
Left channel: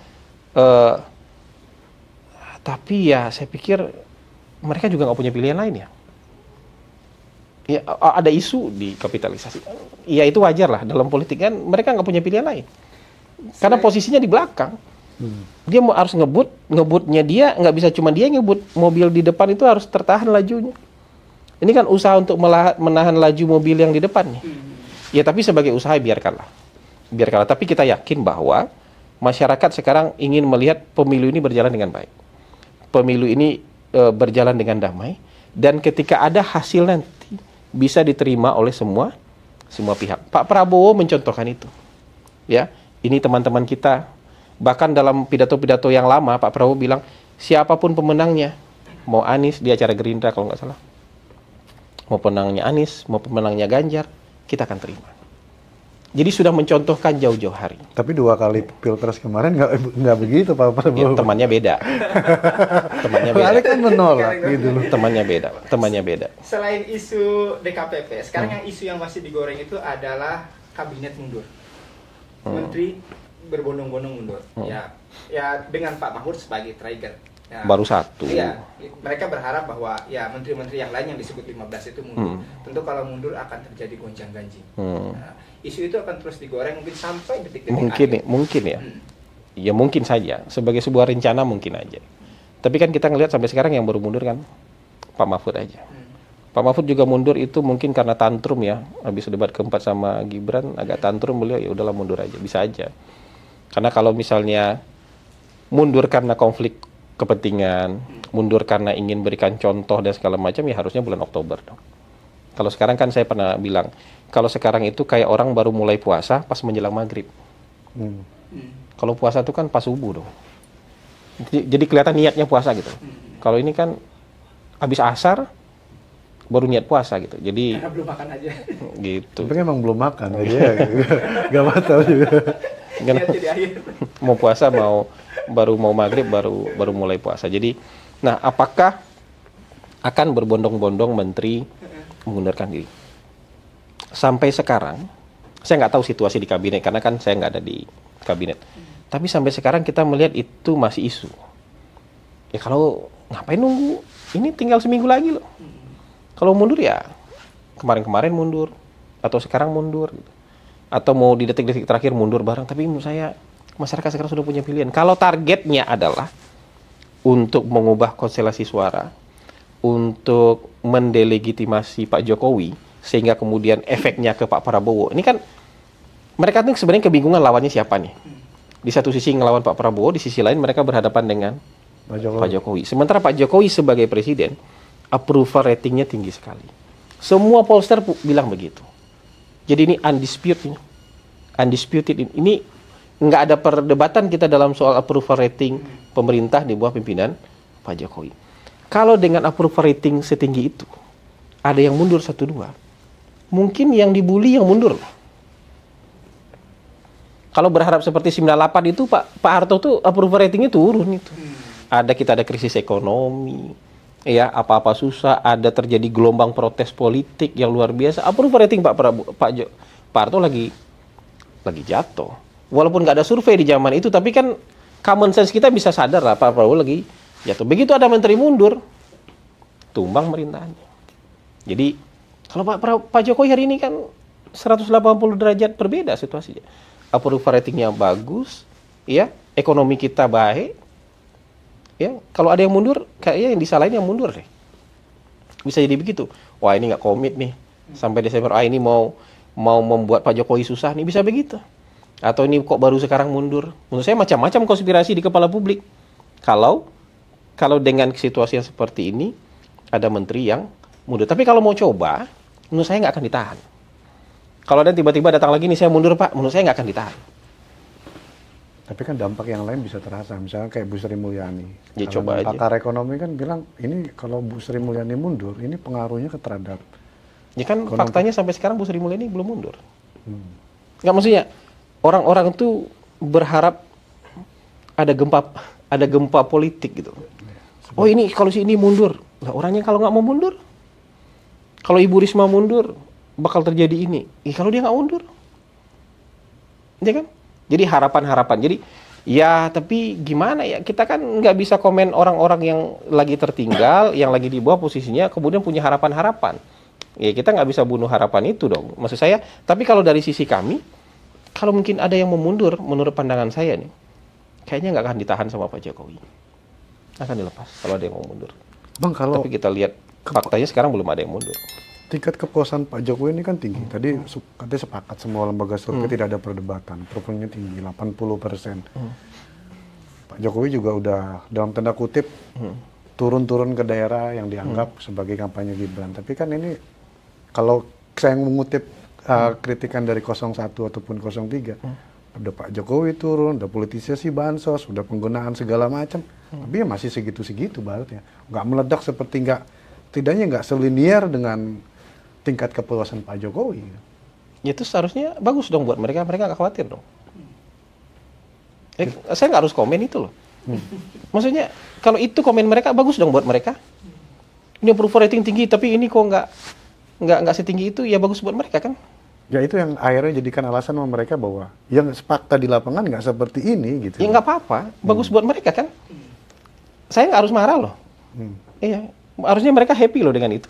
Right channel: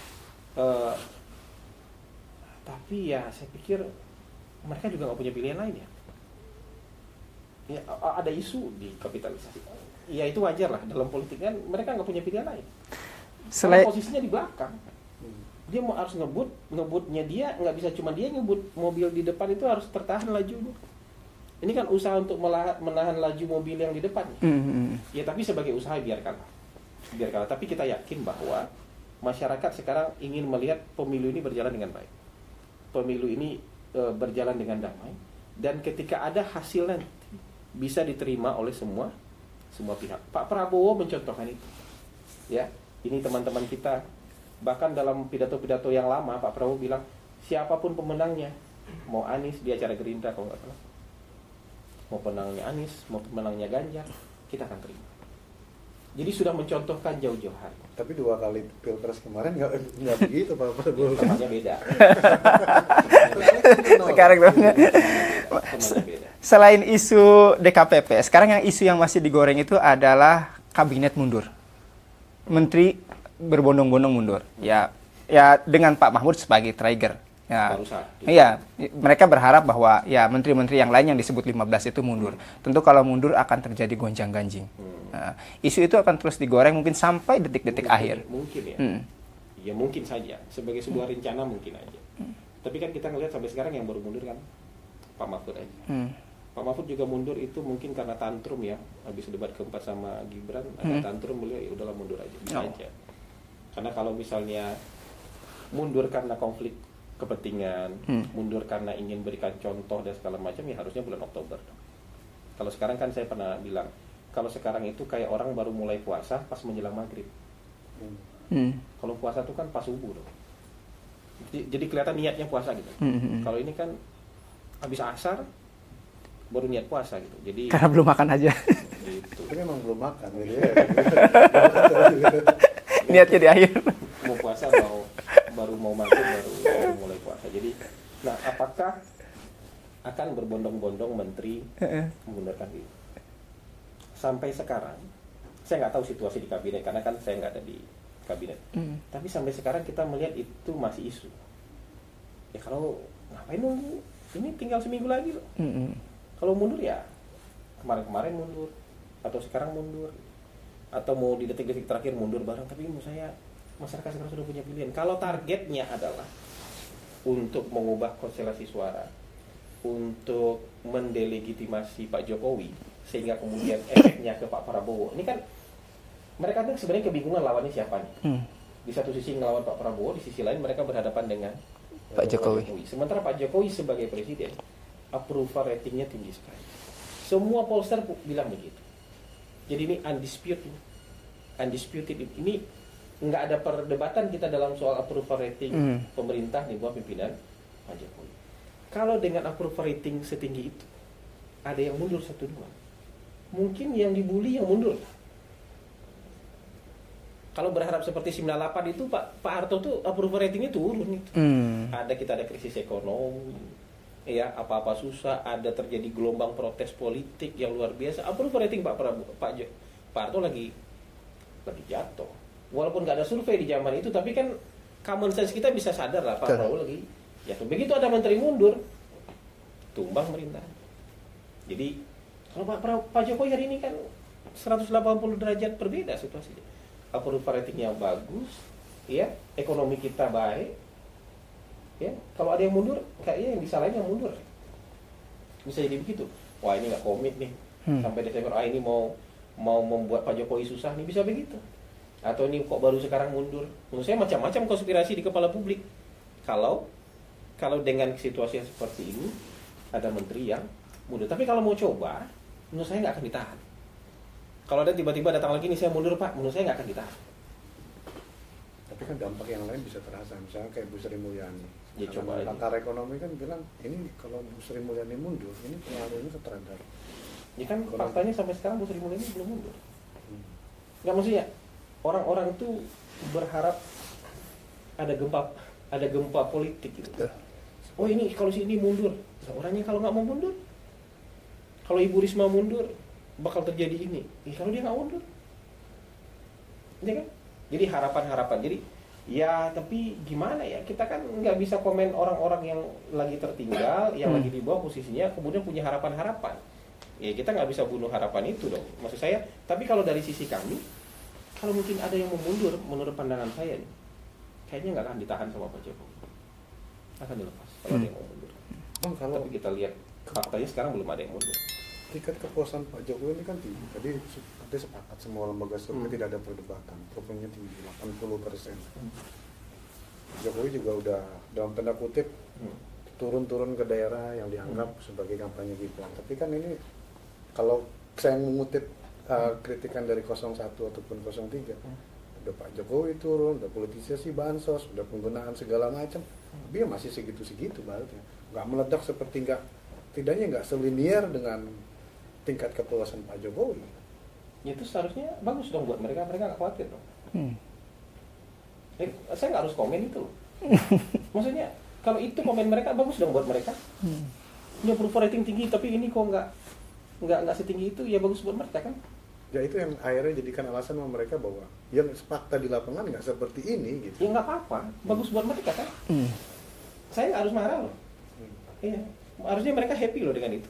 tapi ya saya pikir mereka juga nggak punya pilihan lain ya. Ya ada isu di kapitalisasi. Ya itu wajar lah dalam politik kan mereka nggak punya pilihan lain. Karena posisinya di belakang. Dia harus ngebutnya dia nggak bisa cuma dia ngebut, mobil di depan itu harus tertahan lajunya. Ini kan usaha untuk menahan laju mobil yang di depan nih. Ya tapi sebagai usaha biarkanlah. Tapi kita yakin bahwa masyarakat sekarang ingin melihat pemilu ini berjalan dengan baik. Pemilu ini berjalan dengan damai dan ketika ada hasil nanti bisa diterima oleh semua pihak. Pak Prabowo mencontohkan itu. Ya, ini teman-teman kita bahkan dalam pidato-pidato yang lama Pak Prabowo bilang siapapun pemenangnya, mau Anies di acara Gerindra kalau nggak salah, mau pemenangnya Anies, mau pemenangnya Ganjar, kita akan terima. Jadi sudah mencontohkan jauh-jauh hari. Tapi 2 kali pilpres kemarin nggak begitu Pak Prabowo. Ya, temannya beda. Kan menolak. Temannya beda. Selain isu DKPP, sekarang yang isu yang masih digoreng itu adalah kabinet mundur. Menteri berbondong-bondong mundur. Ya dengan Pak Mahfud sebagai trigger. Ya, baru satu. Iya, mereka berharap bahwa ya menteri-menteri yang lain yang disebut 15 itu mundur. Tentu kalau mundur akan terjadi gonjang-ganjing. Nah, isu itu akan terus digoreng mungkin sampai detik-detik akhir. Mungkin ya. Ya mungkin saja. Sebagai sebuah rencana mungkin aja. Tapi kan kita ngelihat sampai sekarang yang baru mundur kan Pak Mahfud aja. Pak Mahfud juga mundur itu mungkin karena tantrum ya. Habis debat keempat sama Gibran agak tantrum beliau ya udahlah mundur aja. Bisa aja. Karena kalau misalnya mundur karena konflik kepentingan, mundur karena ingin berikan contoh dan segala macam ya harusnya bulan Oktober dong. Kalau sekarang kan saya pernah bilang, kalau sekarang itu kayak orang baru mulai puasa pas menjelang maghrib. Kalau puasa itu kan pas subuh dong. Jadi kelihatan niatnya puasa gitu. Kalau ini kan habis asar baru niat puasa gitu. Jadi karena belum makan aja. Tapi Gitu. emang belum makan aja. Gak batal juga. Niatnya di akhir. Mau puasa baru mau maghrib baru mulai puasa. Jadi, nah apakah akan berbondong-bondong menteri mengundurkan diri? Sampai sekarang, saya nggak tahu situasi di kabinet karena kan saya nggak ada di kabinet. Tapi sampai sekarang kita melihat itu masih isu. Ya kalau ngapain nunggu? Ini tinggal seminggu lagi loh. Kalau mundur ya kemarin-kemarin mundur atau sekarang mundur. Gitu. Atau mau di detik-detik terakhir mundur bareng, tapi menurut saya masyarakat sekarang sudah punya pilihan. Kalau targetnya adalah untuk mengubah konstelasi suara, untuk mendelegitimasi Pak Jokowi, sehingga kemudian efeknya ke Pak Prabowo. Ini kan mereka tuh sebenarnya kebingungan lawannya siapa nih. Di satu sisi ngelawan Pak Prabowo, di sisi lain mereka berhadapan dengan Pak Jokowi. Sementara Pak Jokowi sebagai presiden, approval ratingnya tinggi sekali. Semua pollster bilang begitu. Jadi ini undisputed ini nggak ada perdebatan kita dalam soal approval rating pemerintah di bawah pimpinan Pak Jokowi. Kalau dengan approval rating setinggi itu, ada yang mundur 1-2, mungkin yang dibully yang mundur. Kalau berharap seperti 98 itu Pak Harto tuh approval ratingnya turun itu. Kita ada krisis ekonomi, ya apa-apa susah, ada terjadi gelombang protes politik yang luar biasa. Approval rating Pak Harto lagi jatuh. Walaupun nggak ada survei di zaman itu, tapi kan common sense kita bisa sadar lah Pak Prabowo lagi jatuh. Begitu ada menteri mundur, tumbang pemerintahannya. Jadi kalau Pak Jokowi hari ini kan 180 derajat berbeda situasinya. Approval ratingnya bagus, ya, ekonomi kita baik, ya. Kalau ada yang mundur, kayaknya yang disalahin yang mundur deh. Bisa jadi begitu. Wah ini nggak komit nih sampai Desember. Ini mau membuat Pak Jokowi susah nih, bisa begitu. Atau ini kok baru sekarang mundur? Menurut saya macam-macam konspirasi di kepala publik. Kalau dengan situasi yang seperti ini, ada menteri yang mundur. Tapi kalau mau coba, menurut saya nggak akan ditahan. Kalau ada tiba-tiba datang lagi nih, saya mundur Pak, menurut saya nggak akan ditahan. Tapi kan dampak yang lain bisa terasa, misalnya kayak Bu Sri Mulyani. Ya, coba aja. Pakar ekonomi kan bilang, ini kalau Bu Sri Mulyani mundur, ini pengaruhnya terhadap. Ya kan faktanya sampai sekarang Bu Sri Mulyani belum mundur. Nggak, maksudnya orang-orang itu berharap ada gempa politik gitu. Oh ini kalau si ini mundur, lah orangnya kalau nggak mau mundur, kalau Ibu Risma mundur bakal terjadi ini. Kalau dia nggak mundur, ya kan? Jadi harapan-harapan. Jadi ya tapi gimana ya, kita kan nggak bisa komen orang-orang yang lagi tertinggal, yang lagi di bawah posisinya, kemudian punya harapan-harapan. Ya kita nggak bisa bunuh harapan itu dong. Maksud saya, tapi kalau dari sisi kami, kalau mungkin ada yang mau mundur, menurut pandangan saya nih, kayaknya nggak akan ditahan sama Pak Jokowi. Akan dilepas kalau ada yang mau mundur. Bang, kalau tapi kita lihat faktanya sekarang belum ada yang mundur. Tingkat kepuasan Pak Jokowi ini kan tinggi. Tadi katanya sepakat semua lembaga survei tidak ada perdebatan. Approvalnya tinggi, 80%. Pak Jokowi juga udah dalam tanda kutip turun-turun ke daerah yang dianggap sebagai kampanye Gibran. Tapi kan ini kalau saya mengutip kritikan dari 01 ataupun 03, udah Pak Jokowi turun, udah politisasi bansos, udah penggunaan segala macam, tapi ya masih segitu-segitu baratnya. Nggak meledak seperti tidaknya nggak selinier dengan tingkat kepuasan Pak Jokowi. Ya itu seharusnya bagus dong buat mereka nggak khawatir dong. Saya nggak harus komen itu loh. Maksudnya kalau itu komen mereka bagus dong buat mereka. Ini approval rating tinggi tapi ini kok nggak setinggi itu, ya bagus buat mereka kan. Ya itu yang akhirnya jadikan alasan sama mereka bahwa yang fakta di lapangan nggak seperti ini gitu. Ya nggak apa-apa, bagus buat mereka kan. Saya nggak harus marah loh. Iya, harusnya mereka happy loh dengan itu.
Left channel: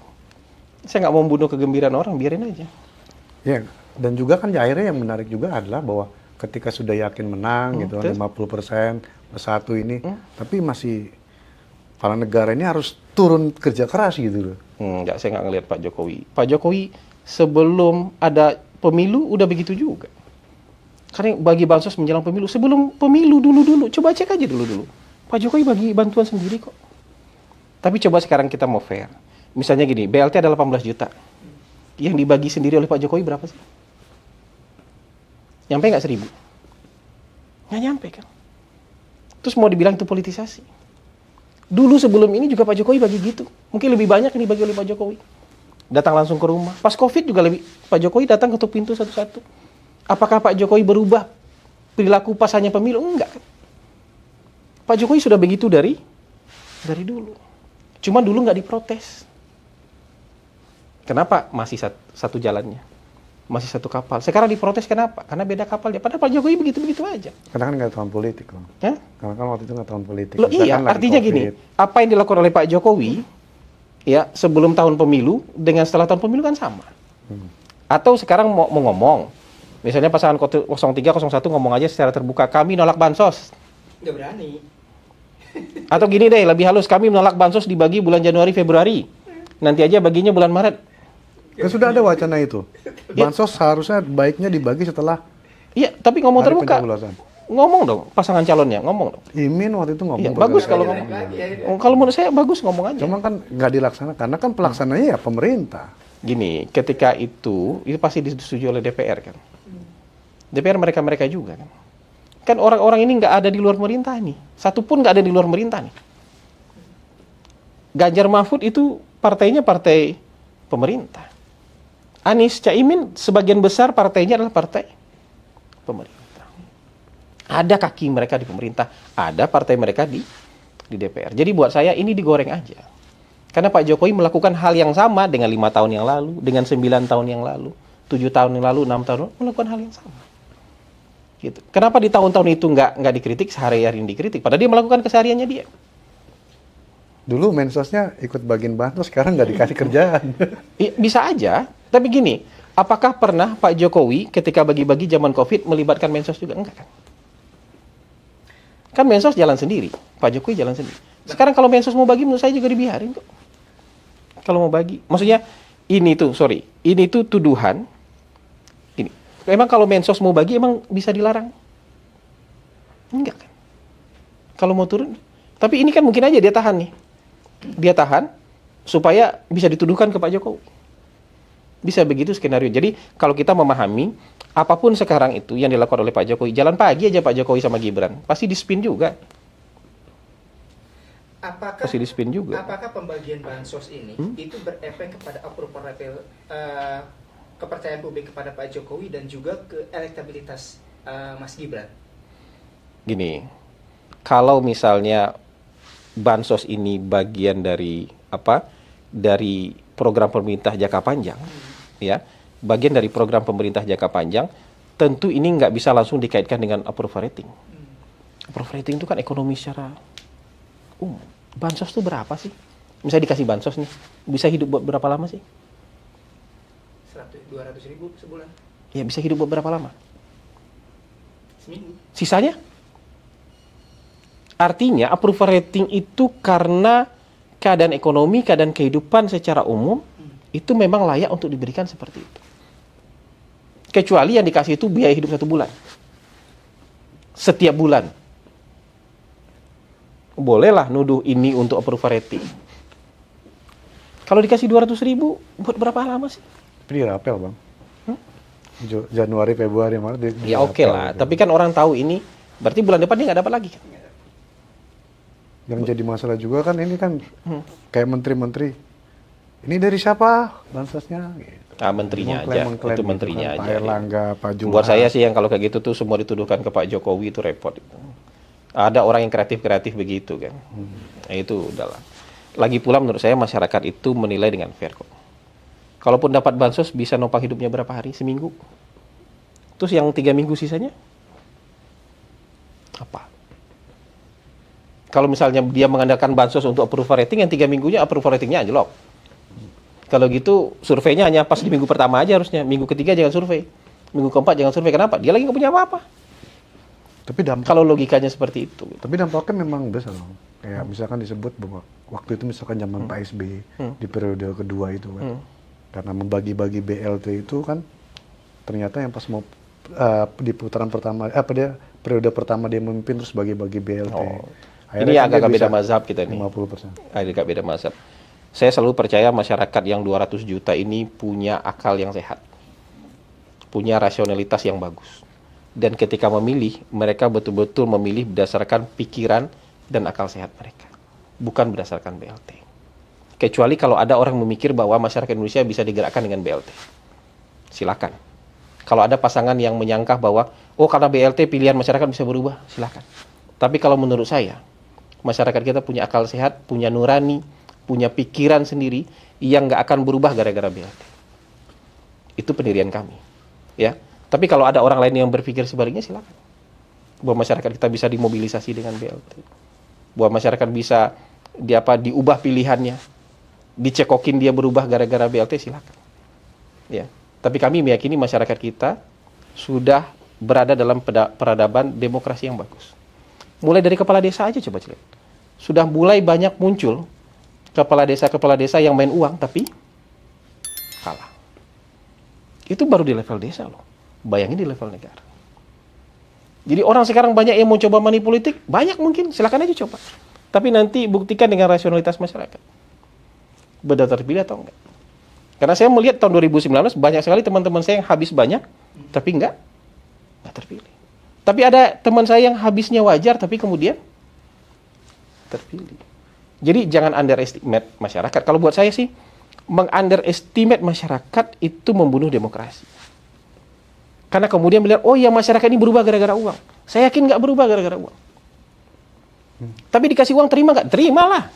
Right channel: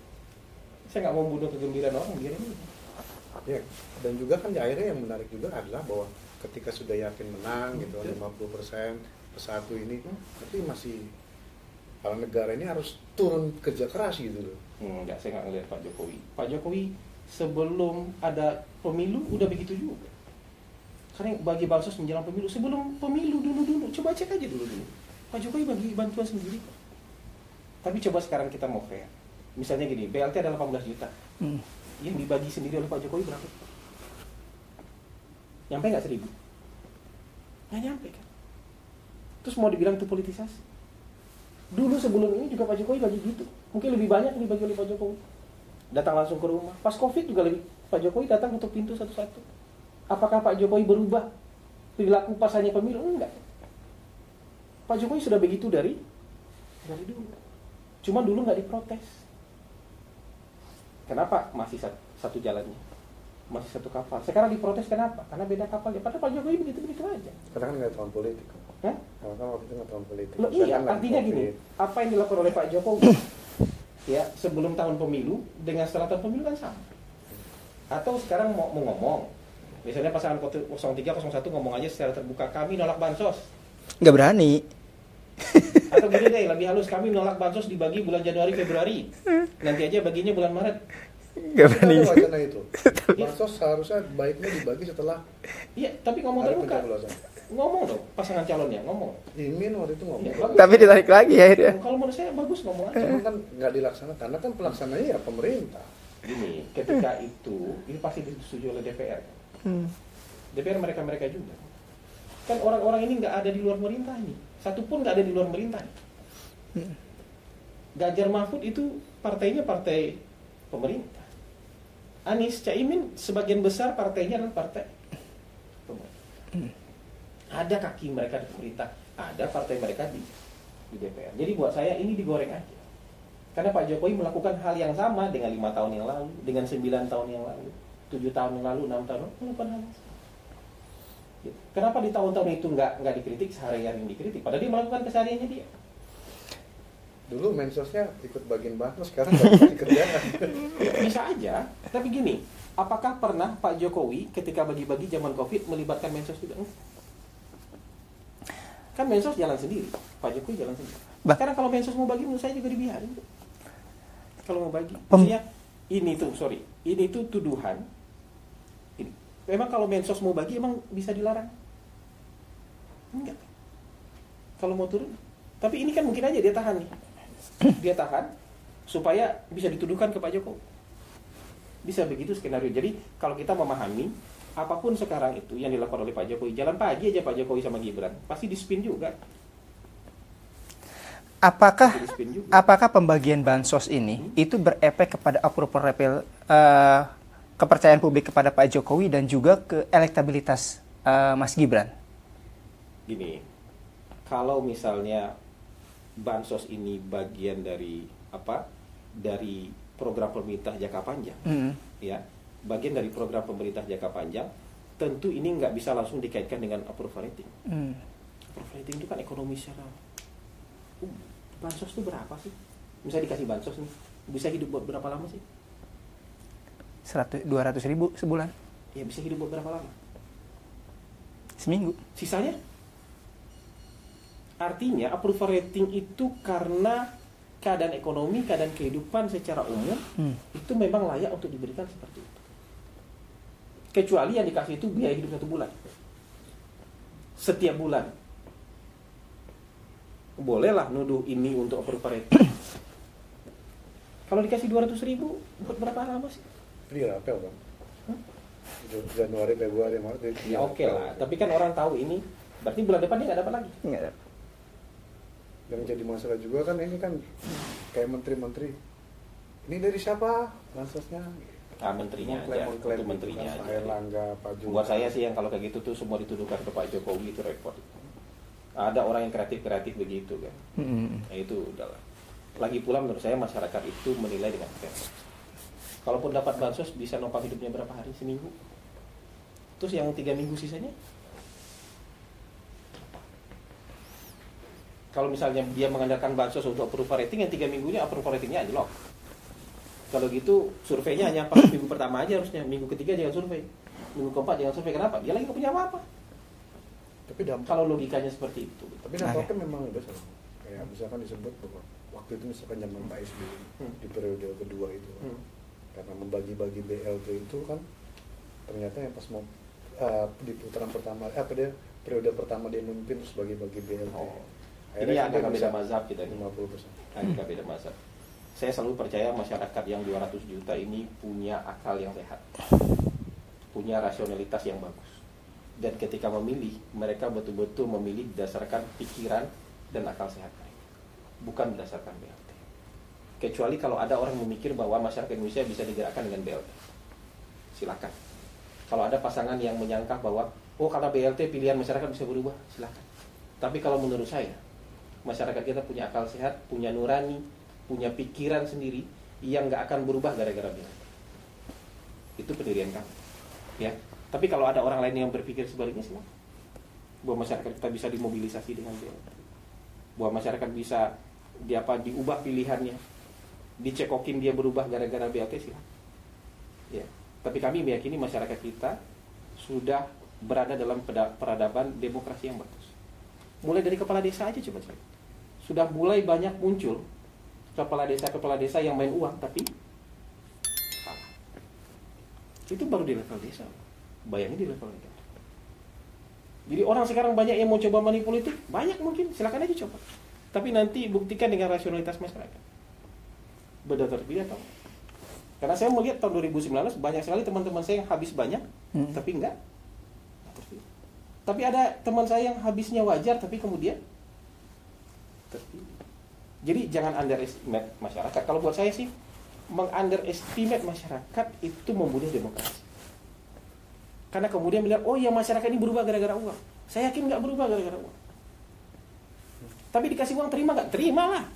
Saya nggak mau membunuh kegembiraan orang, biarin aja. Ya, dan juga kan akhirnya yang menarik juga adalah bahwa ketika sudah yakin menang gitu, 50% bersatu ini, tapi masih kepala negara ini harus turun kerja keras gitu loh. Enggak, saya nggak ngelihat Pak Jokowi. Pak Jokowi sebelum ada pemilu udah begitu juga. Karena bagi bansos menjelang pemilu, sebelum pemilu dulu, coba cek aja dulu. Pak Jokowi bagi bantuan sendiri kok. Tapi coba sekarang kita mau fair. Misalnya gini, BLT ada 18 juta. Yang dibagi sendiri oleh Pak Jokowi berapa sih? Nyampe nggak 1.000? Nggak nyampe kan? Terus mau dibilang itu politisasi. Dulu sebelum ini juga Pak Jokowi bagi gitu. Mungkin lebih banyak ini bagi oleh Pak Jokowi. Datang langsung ke rumah. Pas COVID juga Pak Jokowi datang ketuk pintu satu-satu. Apakah Pak Jokowi berubah perilaku pas hanya pemilu? Enggak kan? Pak Jokowi sudah begitu dari dulu. Cuma dulu nggak diprotes. Kenapa masih satu jalannya? Masih satu kapal. Sekarang diprotes kenapa? Karena beda kapalnya. Padahal Pak Jokowi begitu-begitu aja. Karena kan nggak tahun politik loh. Karena kan waktu itu nggak tahun politik. Loh, iya, kan artinya COVID. gini, apa yang dilakukan oleh Pak Jokowi ya sebelum tahun pemilu dengan setelah tahun pemilu kan sama. Atau sekarang mau ngomong, misalnya pasangan 03, 01 ngomong aja secara terbuka, kami nolak bansos. Nggak berani. Atau gini deh, lebih halus, kami menolak bansos dibagi bulan Januari, Februari. Nanti aja baginya bulan Maret. Ya, sudah ada wacana itu. Bansos seharusnya baiknya dibagi setelah. Iya, tapi ngomong terbuka. Ngomong dong, pasangan calonnya, ngomong dong. Imin waktu itu ngomong. Ya, bagus. Tapi ditarik lagi ya. Kalau menurut saya bagus ngomong aja. Cuma kan nggak dilaksanakan, karena kan pelaksananya ya pemerintah. Gini, ketika itu pasti disetujui oleh DPR kan. DPR mereka juga kan. Kan orang-orang ini nggak ada di luar pemerintah nih. Satu pun nggak ada di luar pemerintah nih. Ganjar Mahfud itu partainya partai pemerintah. Anies, Caimin sebagian besar partainya adalah partai pemerintah. Ada kaki mereka di pemerintah, ada partai mereka di DPR. Jadi buat saya ini digoreng aja. Karena Pak Jokowi melakukan hal yang sama dengan 5 tahun yang lalu, dengan 9 tahun yang lalu, 7 tahun yang lalu, 6 tahun yang lalu, melakukan hal yang sama. Gitu. Kenapa di tahun-tahun itu nggak dikritik, sehari-hari dikritik? Padahal dia melakukan kesehariannya dia. Dulu mensosnya ikut bagian bansos, sekarang nggak dikasih kerjaan. Bisa aja, tapi gini, apakah pernah Pak Jokowi ketika bagi-bagi zaman COVID melibatkan mensos juga? Enggak kan? Kan mensos jalan sendiri, Pak Jokowi jalan sendiri. Sekarang kalau mensos mau bagi, menurut saya juga dibiarin kok. Kalau mau bagi, maksudnya ini tuh tuduhan. Ini Emang kalau Mensos mau bagi, emang bisa dilarang? Enggak kan? Kalau mau turun. Tapi ini kan mungkin aja dia tahan nih. Dia tahan supaya bisa dituduhkan ke Pak Jokowi. Bisa begitu skenario. Jadi kalau kita memahami, apapun sekarang itu yang dilakukan oleh Pak Jokowi, jalan pagi aja Pak Jokowi sama Gibran, pasti di-spin juga. Apakah pembagian bansos ini itu berefek kepada approval rating, kepercayaan publik kepada Pak Jokowi dan juga ke elektabilitas Mas Gibran? Gini, kalau misalnya bansos ini bagian dari dari program pemerintah jangka panjang, ya, bagian dari program pemerintah jangka panjang, tentu ini nggak bisa langsung dikaitkan dengan approval rating. Approval rating itu kan ekonomi secara bansos tuh berapa sih? Misalnya dikasih bansos nih, bisa hidup buat berapa lama sih? 200 ribu sebulan. Ya, bisa hidup buat berapa lama? Seminggu. Sisanya? Artinya approval rating itu karena keadaan ekonomi, keadaan kehidupan secara umum, itu memang layak untuk diberikan seperti itu. Kecuali yang dikasih itu biaya hidup 1 bulan. Setiap bulan. Bolehlah nuduh ini untuk approval rating. Kalau dikasih 200 ribu, buat berapa lama sih? Tapi dirapel, Bang. Januari, Februari, Maret. Ya oke lah, tapi kan orang tahu ini, berarti bulan depan dia nggak dapat lagi. Yang jadi masalah juga kan ini kan kayak menteri-menteri. Ini dari siapa bansosnya? Menterinya aja, itu menterinya kan, aja. Pak Erlangga, Pak Johan. Buat saya sih yang kalau kayak gitu tuh semua dituduhkan ke Pak Jokowi itu repot. Ada orang yang kreatif begitu kan. Nah, itu udahlah. Lagi pula menurut saya masyarakat itu menilai dengan fair kok. Kalaupun dapat bansos bisa nopang hidupnya berapa hari? Seminggu. Terus yang 3 minggu sisanya? Apa? Kalau misalnya dia mengandalkan bansos untuk approval rating, yang 3 minggunya approval ratingnya anjlok. Kalau gitu surveinya hanya pas minggu pertama aja harusnya. Minggu ketiga jangan survei. Minggu keempat jangan survei. Kenapa? Dia lagi nggak punya apa-apa. Tapi kalau logikanya seperti itu. Tapi dampaknya memang besar loh. Kayak misalkan disebut bahwa waktu itu misalkan zaman Pak SBY di periode kedua itu kan. Karena membagi-bagi BLT itu kan ternyata yang pas mau di putaran pertama, periode pertama dia memimpin terus bagi-bagi BLT. Ini agak beda mazhab kita nih. 50%. Agak beda mazhab. Saya selalu percaya masyarakat yang 200 juta ini punya akal yang sehat. Punya rasionalitas yang bagus. Dan ketika memilih, mereka betul-betul memilih berdasarkan pikiran dan akal sehat mereka. Bukan berdasarkan BLT. Kecuali kalau ada orang memikir bahwa masyarakat Indonesia bisa digerakkan dengan BLT. Silakan. Kalau ada pasangan yang menyangka bahwa, karena BLT pilihan masyarakat bisa berubah, silakan. Tapi kalau menurut saya, masyarakat kita punya akal sehat, punya nurani, punya pikiran sendiri yang nggak akan berubah gara-gara BLT. Itu pendirian kami. Ya. Tapi kalau ada orang lain yang berpikir sebaliknya, silakan. Bahwa masyarakat kita bisa dimobilisasi dengan BLT. Bahwa masyarakat bisa diubah pilihannya. Dicekokin dia berubah gara-gara BLT, silakan. Ya. Tapi kami meyakini masyarakat kita sudah berada dalam peradaban demokrasi yang bagus. Mulai dari kepala desa aja coba lihat. Sudah mulai banyak muncul kepala desa yang main uang tapi kalah. Itu baru di level desa loh. Bayangin di level negara. Jadi orang sekarang banyak yang mau coba money politik, banyak mungkin, silakan aja coba. Tapi nanti buktikan dengan rasionalitas masyarakat. Benar terpilih atau enggak. Karena saya melihat tahun 2019 banyak sekali teman-teman saya yang habis banyak, tapi enggak terpilih. Tapi ada teman saya yang habisnya wajar, tapi kemudian terpilih. Jadi jangan underestimate masyarakat. Kalau buat saya sih, meng-underestimate masyarakat itu membunuh demokrasi. Karena kemudian melihat, masyarakat ini berubah gara-gara uang. Saya yakin nggak berubah gara-gara uang. Tapi dikasih uang terima nggak? Terimalah.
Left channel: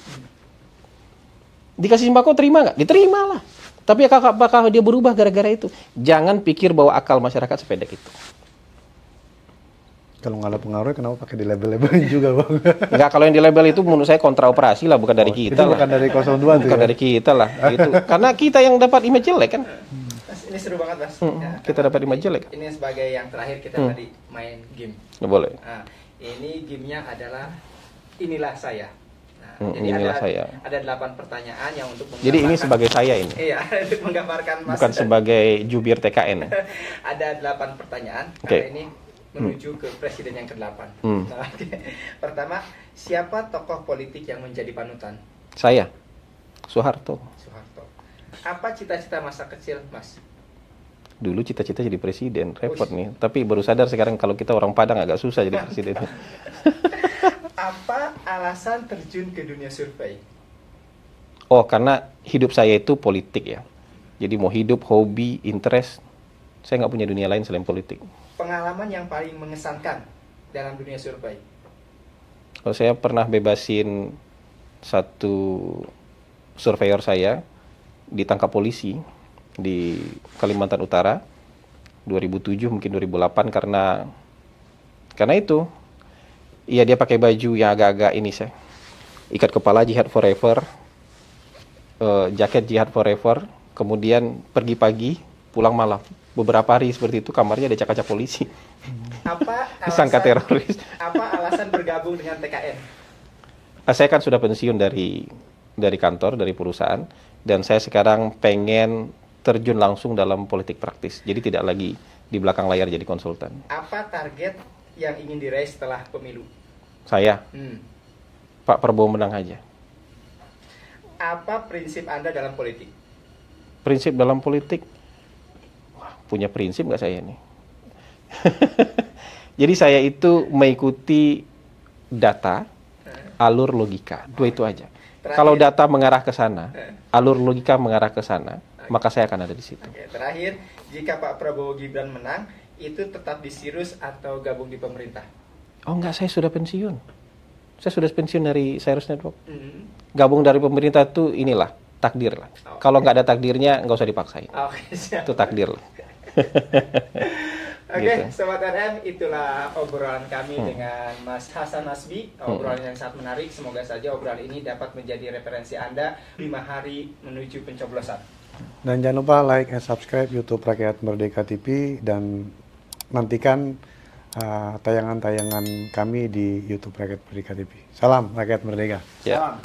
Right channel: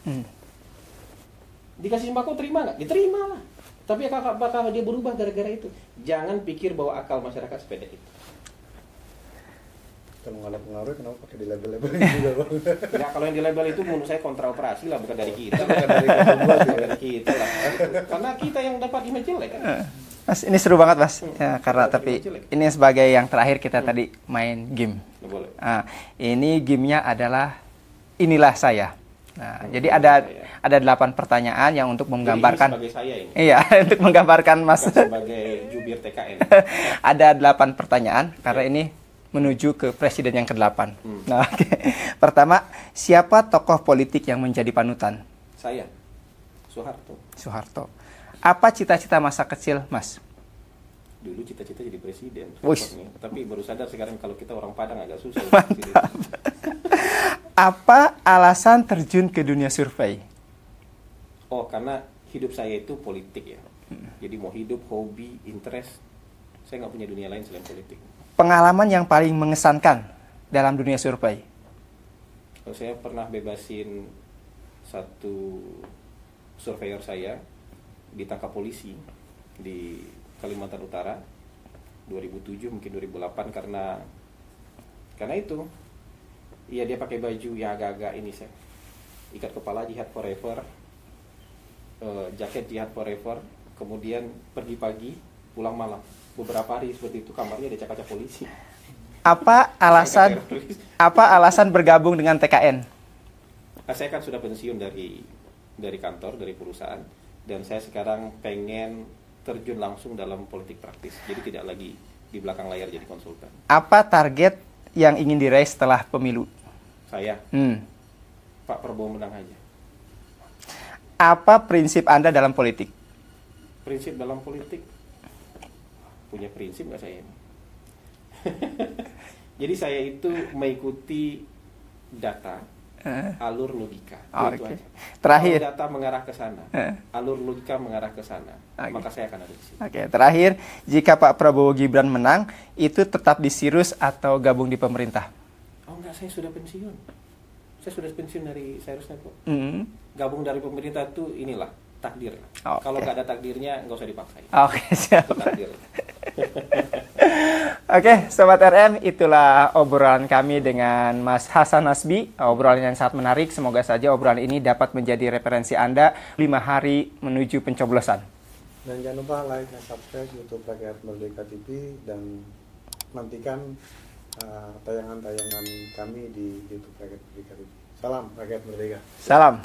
Dikasih sembako terima nggak? Diterimalah. Tapi apakah dia berubah gara-gara itu? Jangan pikir bahwa akal masyarakat sependek itu. Kalau nggak ada pengaruh, kenapa pakai di label-labelin juga, Bang? Enggak, kalau yang di label itu menurut saya kontra operasi lah, bukan dari kita lah. Bukan dari 02 bukan dari kita lah. Gitu. Karena kita yang dapat image jelek kan. Mas, ini seru banget, Mas. Ya, karena tadi ini sebagai yang terakhir kita tadi main game. Boleh. Nah, ini gamenya adalah Inilah Saya. Nah, jadi ada 8 pertanyaan yang untuk Jadi menggambarkan. ini sebagai saya ini. Iya, untuk menggambarkan Mas. Bukan sebagai jubir TKN. Ada 8 pertanyaan karena ini menuju ke presiden yang ke-8. Nah, pertama, siapa tokoh politik yang menjadi panutan? Saya, Soeharto. Soeharto. Apa cita-cita masa kecil, Mas? Dulu cita-cita jadi presiden, repot nih. Tapi baru sadar sekarang kalau kita orang Padang agak susah jadi presiden. Apa alasan terjun ke dunia survei? Oh, karena hidup saya itu politik ya. Jadi mau hidup, hobi, interest, saya nggak punya dunia lain selain politik. Pengalaman yang paling mengesankan dalam dunia survei? Kalau saya pernah bebasin satu surveyor saya, ditangkap polisi di Kalimantan Utara 2007 mungkin 2008 karena itu iya dia pakai baju yang agak-agak ini saya ikat kepala Jihad Forever, jaket Jihad Forever, kemudian pergi pagi pulang malam, beberapa hari seperti itu kamarnya ada kaca polisi. Apa alasan bergabung dengan TKN? Saya kan sudah pensiun dari kantor, dari perusahaan, dan saya sekarang pengen terjun langsung dalam politik praktis. Jadi tidak lagi di belakang layar jadi konsultan. Apa target yang ingin diraih setelah pemilu? Saya, Pak Prabowo menang aja. Apa prinsip Anda dalam politik? Prinsip dalam politik? Wah, punya prinsip nggak saya nih? Jadi saya itu mengikuti data, alur logika, itu aja. Kalau data mengarah ke sana, alur logika mengarah ke sana, maka saya akan ada di situ. Terakhir, jika Pak Prabowo Gibran menang, itu tetap di Sirus atau gabung di pemerintah? Oh enggak, saya sudah pensiun. Saya sudah pensiun dari Cyrus Network. Gabung dari pemerintah itu inilah, takdir lah. Kalau nggak ada takdirnya, nggak usah dipaksain. Siap. Itu takdir. Sobat RM, itulah obrolan kami dengan Mas Hasan Nasbi. Obrolan yang sangat menarik. Semoga saja obrolan ini dapat menjadi referensi Anda 5 hari menuju pencoblosan. Dan jangan lupa like and subscribe YouTube Rakyat Merdeka TV dan nantikan tayangan-tayangan kami di YouTube Rakyat Merdeka TV. Salam Rakyat Merdeka. Salam.